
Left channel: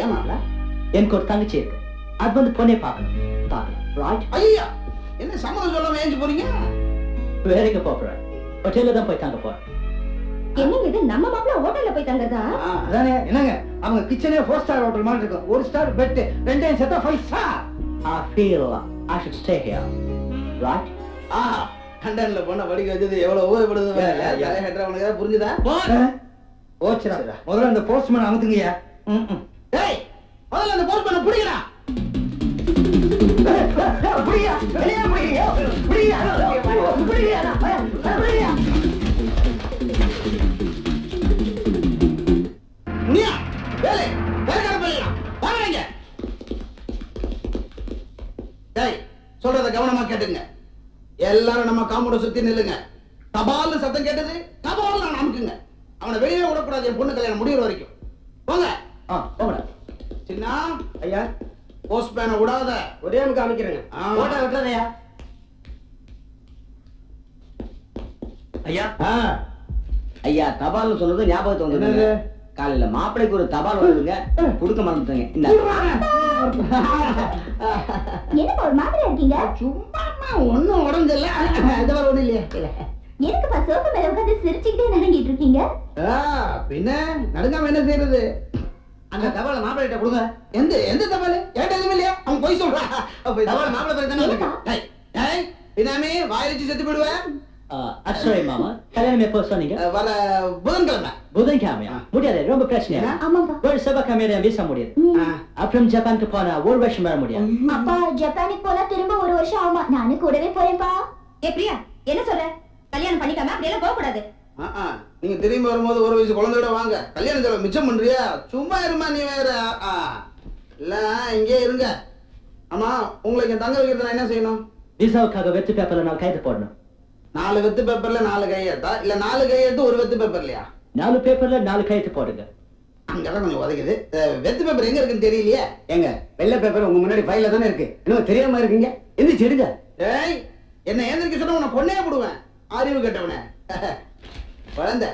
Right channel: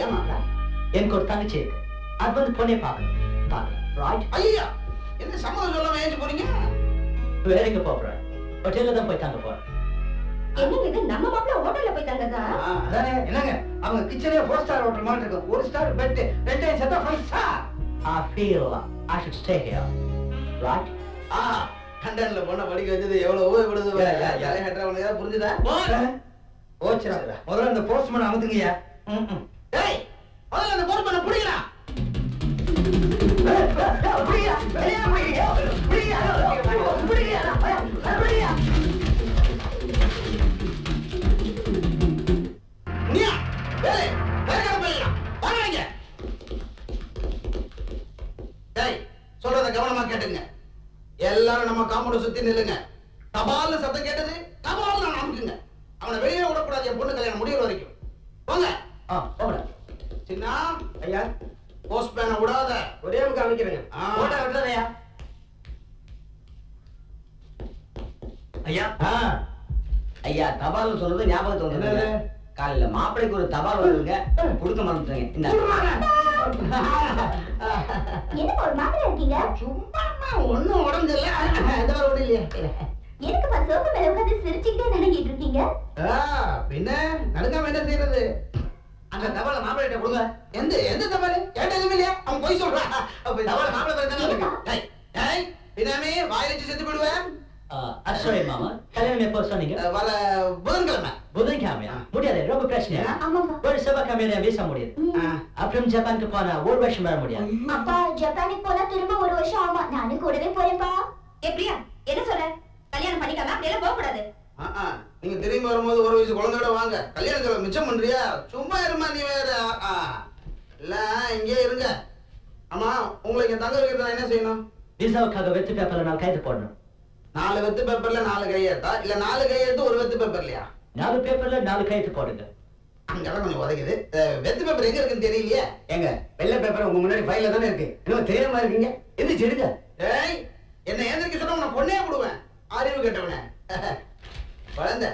ஏன் மாப்பிள்ள?
எனக்கு ஒரு தங்கச்சி இருக்கு. அது வந்து பொண்ணே பார்க்கணும். பார்க்கலாம். ரைட்
ஐயா! என்ன சம்மதம் சொல்லாம ஏஞ்சி போறீங்க?
வேற எங்க போறேன் ஹோட்டல்ல தான் போய் தங்க போறேன்
என்னங்க இது? நம்ம மாப்பிள்ள ஹோட்டல்ல போய் தங்குறதா?
ஆ,
அதானே. என்னங்க? அவங்க கிச்சனே ஃபோர் ஸ்டார் ஹோட்டல் மாதிரி இருக்கும். ஒரு ஸ்டார் பெட் ரெண்டையும் சேர்த்தா five star
I feel I should stay here. Right?
ஆ லண்டன்ல பொண்ணை படிக்க வச்சது எவ்வளவு உபயோகப்படுது
Yeah, yeah, yeah.
தலைஹெட்ரா உனக்கு ஏதாவது புரிஞ்சுதா?
ஓச்சுரா
சரிடா.
முதல்ல அந்த போஸ்ட்மேன் அமுத்துங்கய்யா. ம், ம்.
டேய் முதல்ல அந்த போஸ்ட் பண்ண புடிங்கடா.
புடியா வெளியே புடிங்க புடியா புடியா புடியா
முனியா வேலை வேலைக்கார பிள்ளைங்களா வாங்குறீங்க டேய் சொல்றத கவனமா கேட்டுங்க. எல்லாரும் நம்ம காம்பவுண்ட் சுத்தி நில்லுங்க. தபால்னு சத்தம் கேட்டது தபால் அமுக்குங்க. அவனை வெளியே விடக்கூடாது என் பொண்ணு கல்யாணம் முடியிற வரைக்கும். போங்க.
ஆ போங்கடா
சின்ன
ஐயா.
போஸ்ட் பேனை விடாத.
ஒரே முக்க அமைக்கிறேங்க
ஆ.
போட்டா விட்டுறதையா.
ஐயா.
ஐயா தபால்னு சொன்னது ஞாபகத்தை
என்னது?
காலையில மாப்பிளைக்கு ஒரு தபால் வந்ததுங்க. கொடுக்க மறந்துட்டேங்க. இந்த.
என்னப்பா ஒரு மாதிரியா இருக்கீங்க?
சும்மா ஒண்ணும் உடம்பு இல்ல இது மாதிரி ஒண்ணும் இல்லையா. இல்ல.
எதுக்குப்பா சோஃபா மேல உட்கார்ந்து சிரிச்சுக்கிட்டே நடுங்கிட்டு இருக்கீங்க?
ஆ, பின்ன நடுங்காம என்ன செய்யறது
அந்த தபால மாப்பிள்ளை கொடுங்க.
எந்த எந்த தபால்? என்கிட்ட எதுவும் இல்லையா? அவன் போய் சொல்றான்
தபால் மாப்பிள்ளை பேருக்கு தானே
பினாமி வாயிலிச்சு செத்து போயிடுவேன்
அட்சய் மாமா கல்யாணம் எப்போ சொன்னீங்க?
வர புதன்கிழமை.
புதன்கிழமையா? முடியாது ரொம்ப பிரச்சனை
ஆமாப்பா
ஒரு என் வீசா முடியாது. அப்புறம் ஜப்பானுக்கு போனா ஒரு வருஷம் வர முடியாது.
அப்பா ஜப்பானுக்கு போனா திரும்ப ஒரு வருஷம் ஆகுமா? நானும் கூடவே போறேன்ப்பா.
ஏ பிரியா என்ன சொல்ற? கல்யாணம் பண்ணிக்காம அப்படி எல்லாம் போக கூடாது.
நீங்க திரும்பி வரும்போது ஒரு வயசு குழந்தையோட வாங்க. கல்யாண செலவு மிச்சம் பண்றியா? சும்மா இருமா நீ வேற. இல்ல இங்கே இருங்க. ஆமா உங்களை இங்க தங்க வைக்கிறது நான் என்ன செய்யணும்?
விசாவுக்காக வெத்து பேப்பர்ல நாலு கைது போடணும்.
நாலு வெத்து பேப்பர்ல நாலு கையெழுத்தா? இல்ல நாலு கையெழுத்து ஒரு வெத்து பேப்பர் இல்லையா
நாலு பேப்பர்ல நாலு கைது போடுங்க.
அங்கதான் கொஞ்சம் உதைக்குது. வெத்து பேப்பர் எங்க இருக்குன்னு தெரியலையே?
ஏங்க வெள்ளை பேப்பர் உங்க முன்னாடி ஃபைல்ல தானே இருக்கு. என்னமோ தெரியாம இருக்கீங்க. எந்திரிச்சு எடுங்க.
ஏய் என்ன ஏந்திரிக்க சொன்னா உன்னை கொன்னே போடுவேன் அறிவு கெட்டவனே. [LAUGHS] குழந்தை.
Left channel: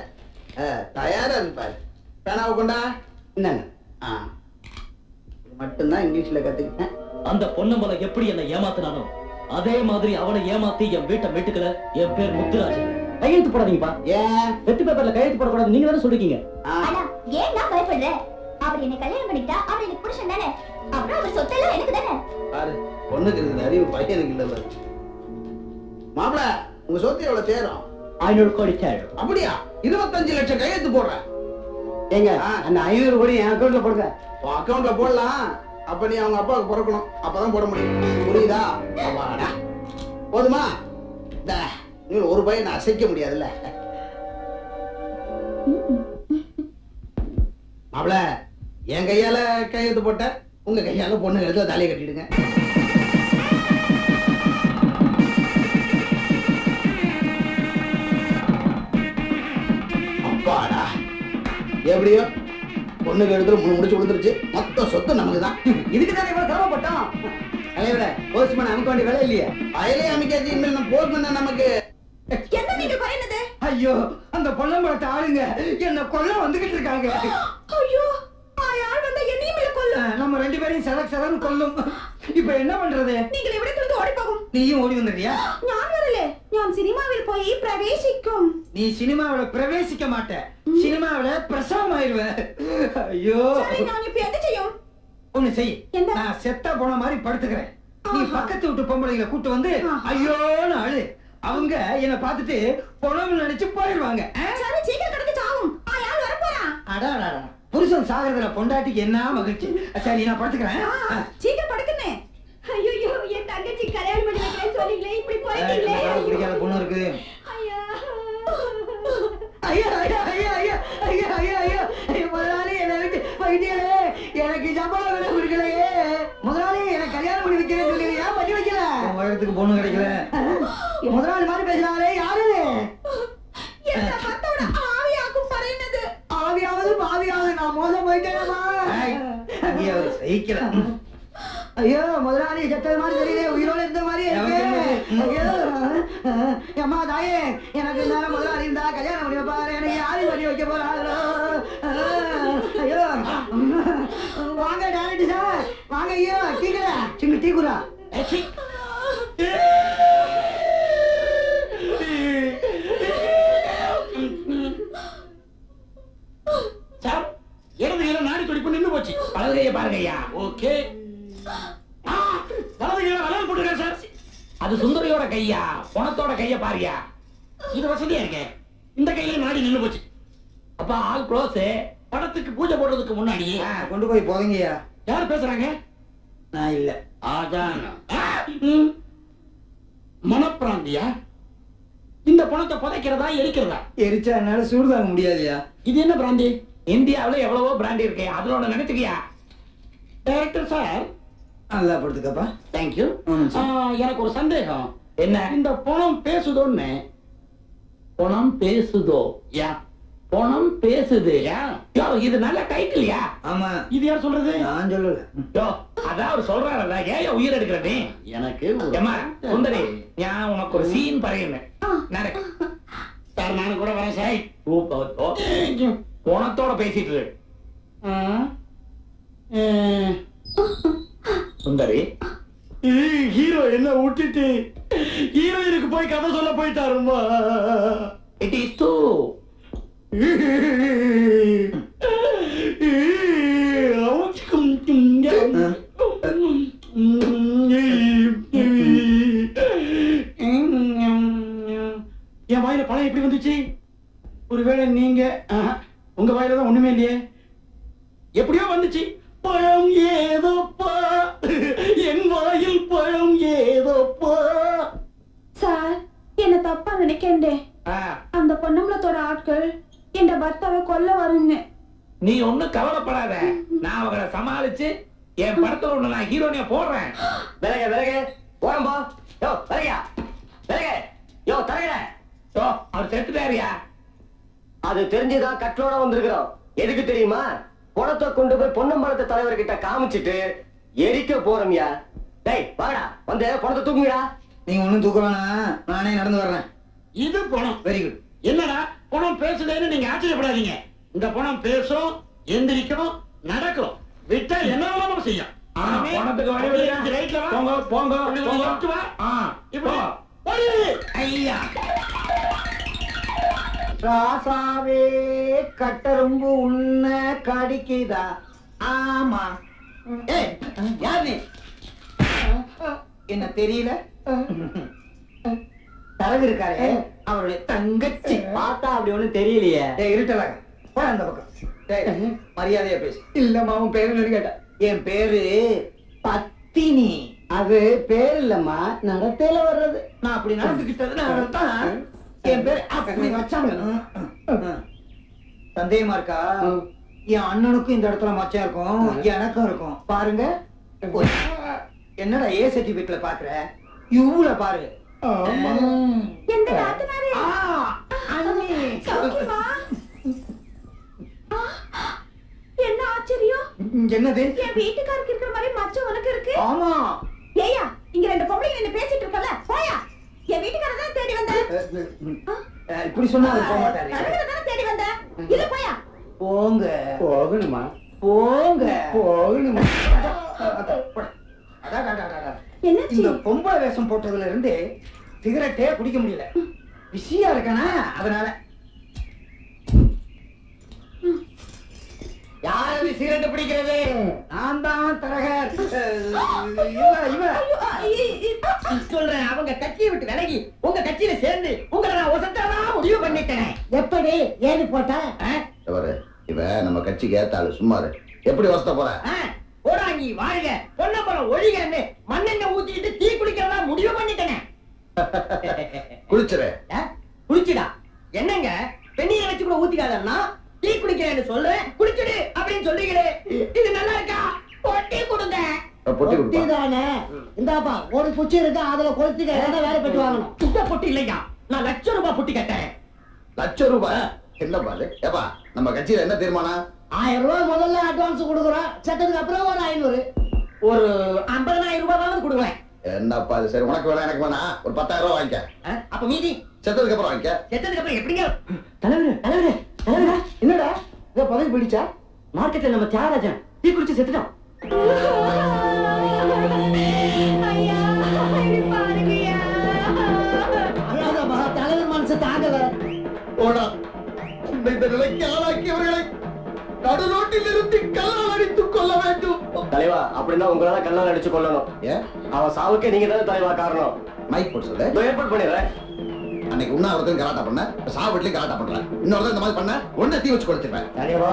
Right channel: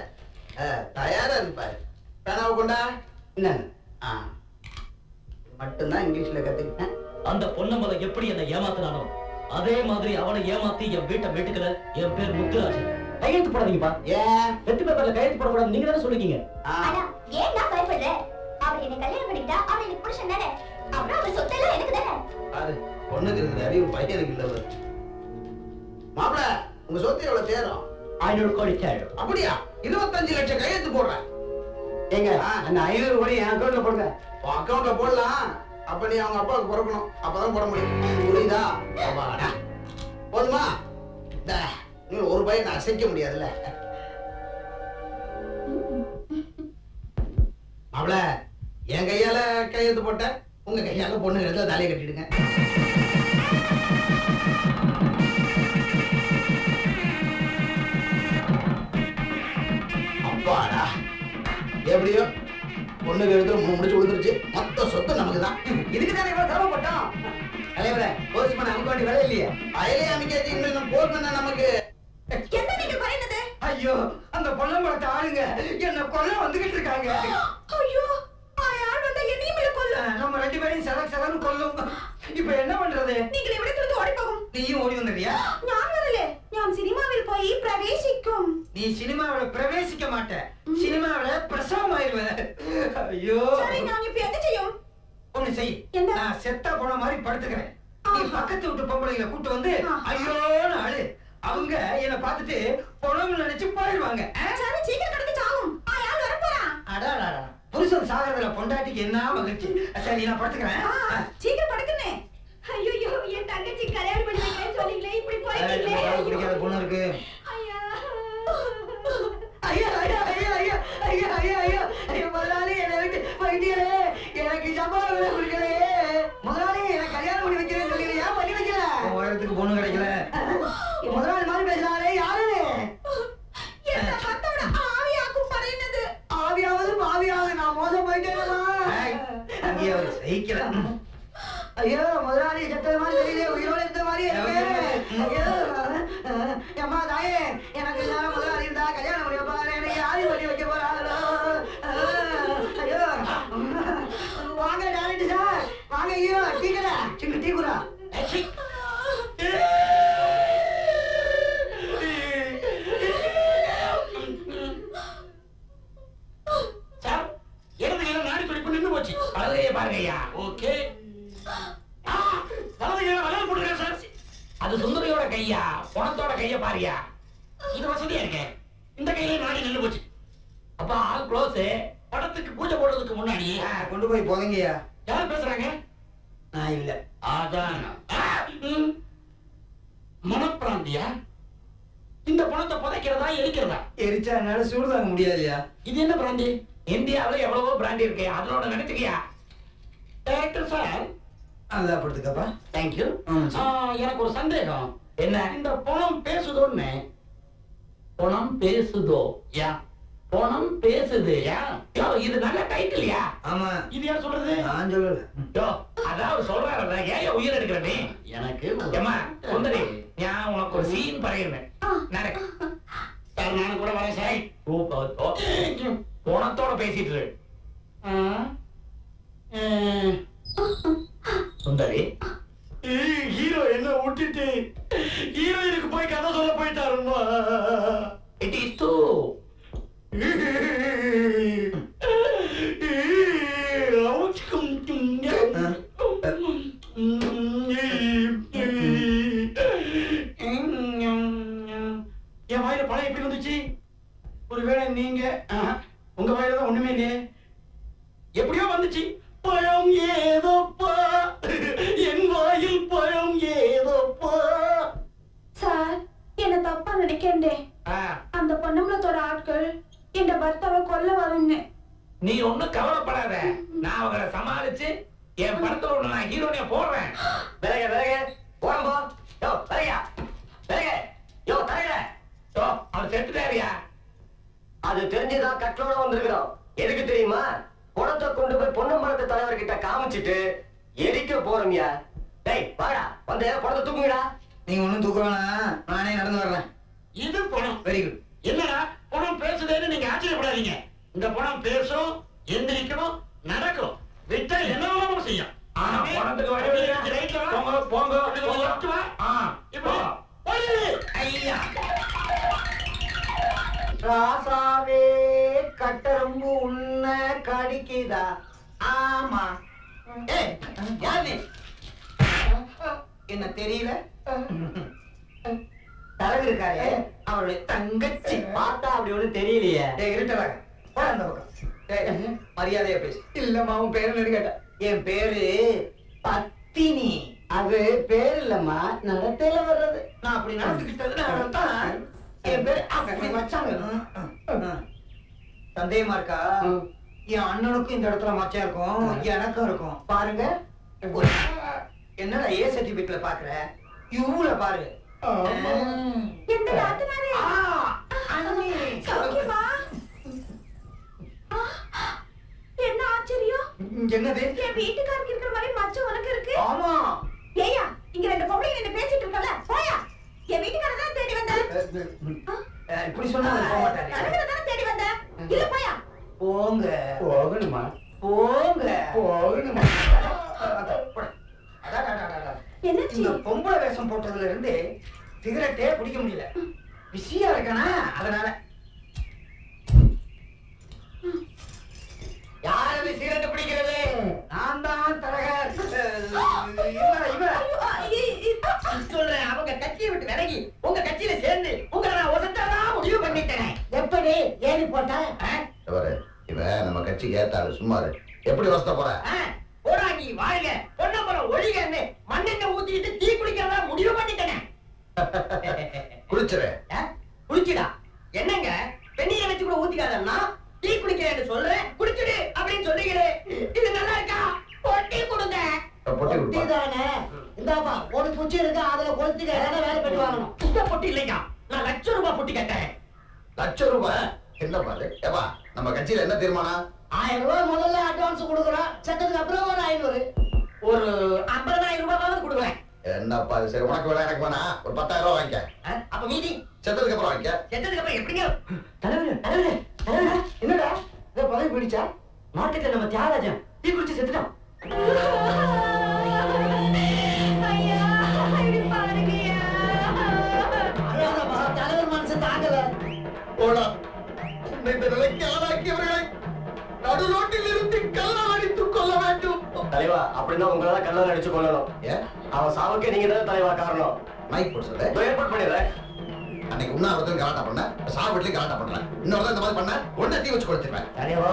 அஹ், தயாரா இருக்கு பாரு. பேனாவை கொண்டா.
இந்தாங்க.
ஆ. இது மட்டும்தான் இங்கிலீஷ்ல கத்துக்கிட்டேன்.
அந்த பொன்னம்பலம் எப்படி என்ன ஏமாத்தினானோ
அதே மாதிரி அவனை ஏமாத்தி என் வீட்டை மீட்டுக்கல என் பேர் முத்துராஜ் கையெழுத்து போடாதீங்கப்பா.
ஏன்?
வெத்து பேப்பர்ல கையெழுத்து போடக்கூடாது. நீங்க தானே சொல்லிருக்கீங்க.
ஆ,
ஆனா ஏன் நான் பயப்படுற? அவர் என்னை கல்யாணம் பண்ணிக்கிட்டா அவர் எனக்கு புருஷன் தானே? அப்புறம் அவர் சொத்தெல்லாம் எனக்கு தானே?
பாரு பொண்ணுக்கு இருக்கிற அறிவு பையனுக்கு இல்ல பாரு. மாப்பிள உங்க சொத்து எவ்வளவு தேரும்?
ஐநூறு கோடி தேவை.
அப்படியா? இருபத்தஞ்சு லட்சம் கையெழுத்து போடுறேன்
ஏங்க. அந்த ஐநூறு கோடி என் அக்கௌண்ட்ல போடுங்க.
உன் அக்கவுண்ட்ல போடலாம். அப்ப நீ அவங்க அப்பாவுக்கு பிறக்கணும். அப்பதான் போட முடியும். புரியுதா? அப்பாடா. போதுமா? இந்த நீ ஒரு பையன் அசைக்க முடியாதுல்ல. மாப்பிள என் கையால கையெழுத்து போட்ட உங்க கையால பொண்ணு கழுத்துல தாலியை கட்டிடுங்க. எப்படியோ? பொண்ணு கழுத்துல முழு முடிச்சு விழுந்துருச்சு. மொத்த சொத்து நமக்கு தான்
இதுக்கு தானே இவ்வளவு சிரமப்பட்டோம்? தலைவரே போஸ்ட்மேன் அமைக்க வேண்டிய வேலை இல்லையே.
அயலே அமைக்காச்சு இனிமேல் நம்ம போஸ்ட்மேன் தான் நமக்கு.
என்ன நீங்க பறையினது
ஐயோ அந்த பொன்னம்பழத்தை ஆளுங்க என்ன கொல்ல வந்துகிட்டு இருக்காங்க.
ஐயோ ஆள் வந்தா என்னையும் இல்ல
கொல்லும். நம்ம ரெண்டு பேரையும் சதக் சதன்னு கொல்லும். இப்ப என்ன பண்றது?
நீங்களை விட നിന്ന് ഓടിപ്പോകും
நீயும் ஓடி வந்துடுறியா
ഞാൻ വരില്ലേ ഞാൻ സിനിമാവിൽ പോയി പ്രവേശിക്കും
நீ சினிமாவில பிரவேசிக்க மாட்ட சினிமாவில பிரசவம் ஆயிருவ ஐயோ
ശരി ഞാൻ ഇപ്പൊ എന്ത് ചെയ്യും
ஒண்ணு செய்
என்ன?
நான் செத்தா போன மாதிரி படுத்துக்கிறேன் நீ
ஆஹா.
பக்கத்து வீட்டு பொம்பளைங்களை கூட்டு வந்து
ஆஹா.
ஐயோன்னு அழு அவங்க என்ன பார்த்துட்டு பொணம் நினைச்சு போயிருவாங்க ஆ?
சரி சீக்கிரம் கிடந்து சாவும் അയാൾ வரப்போறான்
அடாடாடா புருஷன் சாகிறதுல பொண்டாட்டிக்கு என்ன மகிழ்ச்சி சரி நான் படுத்துக்கிறேன் ஆ.
சீக்கிரம் படுக்குன்னே
ஐயோ என் தங்கச்சி கல்யாணம் பண்ணி வைக்கிறேன்னு சொன்னீங்களே இப்படி
போயிட்டீங்களே. குடிக்காத பொண்ணு இருக்கு.
ஐயா.
ஐயா ஐயா ஐயா ஐயா ஐயா ஐயா ஐயா. ஐயா முதலாளி என்னை விட்டு எனக்கு சம்பளம் கூட கொடுக்கலையே. எனக்கு கல்யாணம் பண்ணி வைக்கிறேன்னு சொன்னீங்க ஏன் பண்ணி வைக்கல?
உயரத்துக்கு பொண்ணு கிடைக்கல.
முதலாளி மாதிரி பேசுறாரே யாரு
என்ன பார்த்தோட ஆவியாக்கும் பறையினது
ஆவியாவது பாவியாவது நான் மோசம்
போயிட்டேனமா அவரு சகிக்கல.
ஐயோ முதலாளி செத்தது மாதிரி தெரியல உயிரோட இருந்த மாதிரி? ஐயோ அம்மா தாயே எனக்கு நேரம் முதலாளி இருந்தா கல்யாணம் பண்ணி வைப்பாரு எனக்கு யாரு பண்ணி வைக்க போறாங்களோ? ஐயோ வாங்க டேரக்டர் சார் வாங்க ஹீரோ டீ கடை. சிங்க டீ குரா
சார் இடது கையில நாடி துடிப்பு நின்னு போச்சு.
வலது கையை பாருங்க ஐயா.
ஓகே. வலது கையில வளையல் போட்டிருக்காரு சார்.
அது சுந்தரியோட கையா? பணத்தோட கைய பாரியா.
இது வசதியா இருக்கே? இந்த கையில நாடி நின்னு போச்சு.
அப்ப ஆல் க்ளோஸ்.
படத்துக்கு பூஜை போடுறதுக்கு முன்னாடியே.
கொண்டு போய் போதங்கய்யா.
யார் பேசுறாங்க?
நான் இல்ல.
அதான். மனப்பிராந்தியா? இந்த பணத்தை புதைக்கிறதா எரிக்கிறதா?
எரிச்சா என்னால சூடு தாங்க முடியாதுயா
இது என்ன பிராந்தி?
இந்தியாவுல எவ்வளவோ பிராண்ட் இருக்கு. அதுல ஒண்ணு நினைச்சுக்கியா?
டைரக்டர் சார்
நல்லா படுத்துக்கப்பா.
தேங்க்யூ. எனக்கு ஒரு சந்தேகம்.
என்ன?
இந்த பணம் பேசுதோன்னு.
பணம் பேசுதோ?
யா.
பணம் பேசுது.
யா.
யோ இது நல்ல டைட்டில்யா
ஆமா.
இது யார் சொல்றது?
நான் சொல்லல.
யோ அதான் அவர் சொல்றாருல்ல. ஏன் உயிர் எடுக்கிற நீ?
எனக்கு
ஏம்மா சுந்தரி நான் உனக்கு ஒரு சீன் பறையன்னு. நடக்கு.
சார் நானும் கூட வரேன் சார்.
பணத்தோட பேசிட்டு இரு.
ஆ, ஆ,
சுந்தரி.
ஹீரோ என்ன விட்டுட்டு ஹீரோயினுக்கு போய் கதை சொல்ல போயிட்டாருமா
இட் இஸ் டூ
என் வாயில பழம் எப்படி வந்துச்சு? ஒருவேளை நீங்க உங்க வாயில தான் ஒண்ணுமே இல்லையே. எப்படியோ வந்துச்சு. பழம் ஏதோப்பா? என் வாயில் பழம் ஏதோப்பா?
சார் என்ன தப்பா நினைக்கண்டே. அந்த பொன்னம்பலத்தோட ஆட்கள் என் பர்த்தாவை கொல்ல வரும்னு.
நீ ஒண்ணும் கவலைப்படாத. நான் அவங்கள சமாளிச்சு என் படத்துல ஒண்ணு நான் ஹீரோனிய போடுறேன்.
விலக விலக. ஓரம் போ. யோ விலகியா? விலக. யோ தரகற
யோ அவர் செத்துட்டாருயா?
அது தெரிஞ்சுதான் கட்டளோட வந்திருக்கிறோம். எதுக்கு தெரியுமா? பணத்தை கொண்டு போய் பொன்னம்பலத்து தலைவர்கிட்ட காமிச்சிட்டு எரிக்க போறோம்யா. டேய் வாங்கடா. வந்து பணத்தை தூக்குங்கடா.
நீங்க ஒண்ணும் தூக்க வேணாம். நானே நடந்து வர்றேன்.
இது பணம்.
வெரி குட்
என்னடா? பணம் பேசுதேன்னு நீங்க ஆச்சரியப்படாதீங்க. இந்த பணம் பேசும் எந்திரிக்கும் நடக்கும். விட்டா என்ன வேணாமோ செய்யும்
ஆ, பணத்துக்கு வழி விடுங்க.
ரைட்ல வா.
போங்க போங்க
இப்படி வா.
ஐயா.
ராசாவே கட்டரும்பு உன்ன கடிக்குதா? ஆமா.
ஏய் யார் நீ?
என்ன தெரியல? தரகு இருக்காரே அவருடைய தங்கச்சி.
பார்த்தா அப்படி ஒண்ணும் தெரியலையே.
டேய் இருட்டலக போட அந்த பக்கம். டேய் மரியாதையா பேசு.
இல்லம்மா உன் பேரு என்னன்னு கேட்டேன்
என் பேரு பத்தினி.
அது பேர் இல்லம்மா நடத்தையில வர்றது.
நான் அப்படி நடந்துகிட்டதுனால தான் என் பேர் அப்படி வச்சாங்க. சந்தேகமா இருக்கா? என் அண்ணனுக்கும் இந்த இடத்துல மச்சம் இருக்கும். எனக்கும் இருக்கும். பாருங்க. என்னடா ஏ சர்டிபிகேட்ல பாக்குற? யூல பாரு.
எந்த நாத்தனாரே?
ஆ, அண்ணி.
சௌக்கியமா? என்ன ஆச்சரியம்?
என்னது?
என் வீட்டுக்காருக்கு இருக்கிற மாதிரி மச்சம் உனக்கு இருக்கு?
ஆமா.
ஏயா இங்க ரெண்டு பொம்பளைங்க நின்னு பேசிட்டு இருக்கல போயா. என் வீட்டுக்காரர் தான் தேடி வந்த
அஹ், இப்படி சொன்னா அவர் போக மாட்டாரு.
தானே தேடி வந்த இல்ல போயா.
போங்க.
போகணுமா?
போங்க.
போகணுமா?
இந்த பொம்பளை வேஷம் போட்டதுல இருந்து சிகரெட்டே குடிக்க முடியல. பிஸியா இருக்கானா? அதனால.
யாரு சிகரெட் பிடிக்கிறது?
நான் தான் தரகர். இவ இவ.
சொல்றேன் அவங்க கட்சியை விட்டு விலகி உங்க கட்சியில சேர்ந்து உங்களை நான் ஒசத்தரதா முடிவு பண்ணிட்டேன்.
எப்படி? ஏணி போட்ட?
பாரு இவன் நம்ம கட்சிக்கு ஏத்தாளு சும்மாரு எப்படி வசத்த போற?
போடாங்கி வாழ்க பொன்னம்பலம் ஒழிகன்னு மண்ணெண்ணெய் ஊத்திக்கிட்டு தீ குளிக்கிறதா முடிவு பண்ணிட்டேனே.
குளிச்சுரு?
குளிச்சுடா. என்னங்க வெந்நீரை வச்சு கூட ஊத்திக்காதன்னா டீ குளிக்கிறேன்னு சொல்றேன். குளிச்சுடு அப்படின்னு சொல்றீங்களே. இது நல்லா இருக்கா? பொட்டி கொடுங்க.
பொட்டி கொடுப்பா.
தானே. இந்தாப்பா ஒரு குச்சி இருக்கு அதுல கொளுத்திக்க என்ன வேலை பெற்று வாங்கணும்.
இந்த பொட்டி இல்லையா? நான் லட்சம் ரூபாய் பொட்டி கட்டேன்
லட்சம் ரூபாய்? என்னப்பா அது ஏப்பா நம்ம கட்சியில என்ன தீர்மானம்?
ஆயிரம் ரூபாய் முதல்ல அட்வான்ஸ் கொடுக்குறோம். செத்ததுக்கு அப்புறம் ஒரு ஐநூறு.
ஒரு ஐம்பதனாயிரம் ரூபாயாவது கொடுங்களேன்
என்னப்பா இது சரி உனக்கு வேணா எனக்கு வேணா. ஒரு பத்தாயிரம் ரூபாய் வாங்கிக்க?
அப்ப மீதி.
செத்ததுக்கு அப்புறம் வாங்கிக்க.
செத்ததுக்கு அப்புறம் எப்படிங்க?
தலைவரு தலைவரு. என்னடா? இத பதவி பிடிச்சா
மார்க்கெட்ல நம்ம தியாகராஜன் டீ குளிச்சு செத்துட்டோம்.
தலைவர் மனசு தாங்கல.
ஓடா உன்னை இந்த நிலைக்கு ஆளாக்கியவர்களை நடு ரோட்டில் நிறுத்தி கல்லால் அடித்து கொள்ள வேண்டும்.
தலைவா அப்படின்னா உங்களை தான் கல்லால் அடிச்சு கொல்லணும்.
ஏன்?
அவன் சாவுக்கு நீங்க தானே தலைவா காரணம்.
மைக் போட்டு சொல்லு.
ஏற்பாடு பண்ணிடுறேன்.
அன்னைக்கு உண்ணாவிரதம் கலாட்டா பண்ண சாவு வீட்லயும் கலாட்டா பண்றேன். இன்னொரு இந்த மாதிரி பண்ண உடனே தீ வச்சு கொடுத்துருவேன்
தலைவா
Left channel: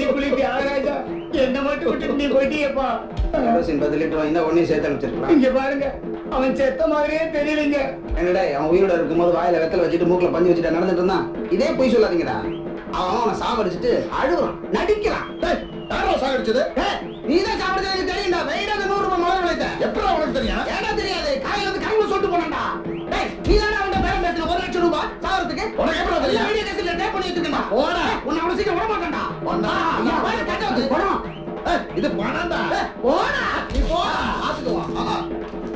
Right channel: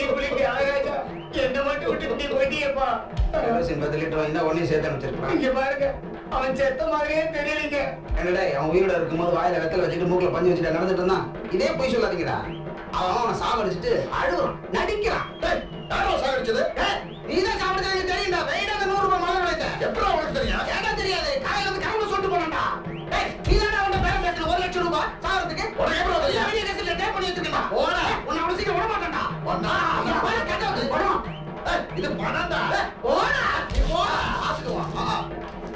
எதிரி
தியாகராஜா என்ன மட்டும் விட்டு நீ போயிட்டியப்பா.
கேரோசின் பத்து லிட்டர் சேர்த்து அனுப்பிச்சிருக்கலாம்.
இங்க பாருங்க அவன் செத்த மாதிரியே தெரியலீங்க.
என்னடா அவன் உயிரோட இருக்கும்போது வாயில வெத்தல வச்சுட்டு மூக்குல பஞ்சு வச்சுட்டு நடந்துட்டு இருந்தான். இதே பொய் சொல்லாதீங்கடா. அவன் அவனை சாவடிச்சிட்டு அழுகுறான் நடிக்கிறான்.
டேய், யாரோ சாகடிச்சது?
நீதான் சாவடிச்சது எங்களுக்கு தெரியும்டா. வெயிடாக நூறு ரூபாய் மலர் விளைத்த.
எப்படி உனக்கு தெரியும்?
ஏடா தெரியாது? காலையில இருந்து கரங்களை சொல்லிட்டு போனான்டா. டேய் நீ தானே அவன்கிட்ட பேரம் பேசின ஒரு லட்சம் ரூபாய் சாவறதுக்கு
உனக்கு எப்படி தெரியும்?
வீடியோ கேசட்ல டேப் பண்ணி வச்சிருக்கேன்டா.
போடா.
உன்னை அவ்வளவு சீக்கிரம் விட மாட்டான்டா
போடா.
கட்ட வந்து.
இது பணம்டா.
போடா. நீ போடா. ஆ.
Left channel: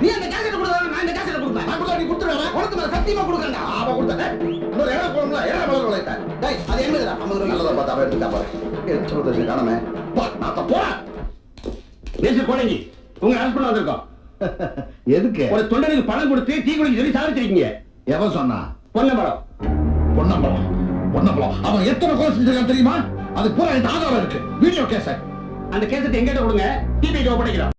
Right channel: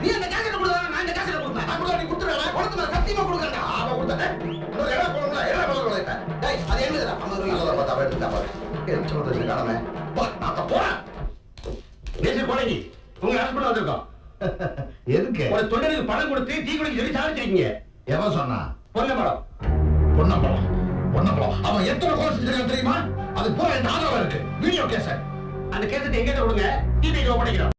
நீ அந்த கேசட் கொடுத்தா நான் இந்த கேசட் கொடுப்பேன்.
நான் கொடுத்தா நீ கொடுத்துருவேன்
உனக்கு மேல சத்தியமா கொடுக்குறேன்டா.
ஆமா கொடுத்தேன். ஏய், இன்னொரு இடம் போகணும்ல இடம் மலர் விளைத்த
டேய் அது என்னதுடா? 50 ரூபாய்
நல்லதா பார்த்து அவன் எடுத்துட்டா பாரு. எலுமிச்சம்பழத்தை வச்சு காணமே. பா நான் போறேன்.
நேசர் கோலங்கி உங்களை அரெஸ்ட் பண்ண வந்திருக்கோம். [LAUGHS]
எதுக்கு?
ஒரு தொண்டனுக்கு பணம் கொடுத்து தீ குளிக்க சொல்லி சாவடிச்சிருக்கீங்க
எவன் சொன்னா?
பொன்னம்பலம்.
பொன்னம்பலம். பொன்னம்பலம். அவன் எத்தனை கொலை செஞ்சிருக்கான் தெரியுமா? அதுக்கு பூரா என்கிட்ட ஆதாரம் இருக்கு. வீடியோ கேசட்
அந்த கேசட் எங்கிட்ட கொடுங்க. டிபிக்கு ஒப்படைக்கிறோம்.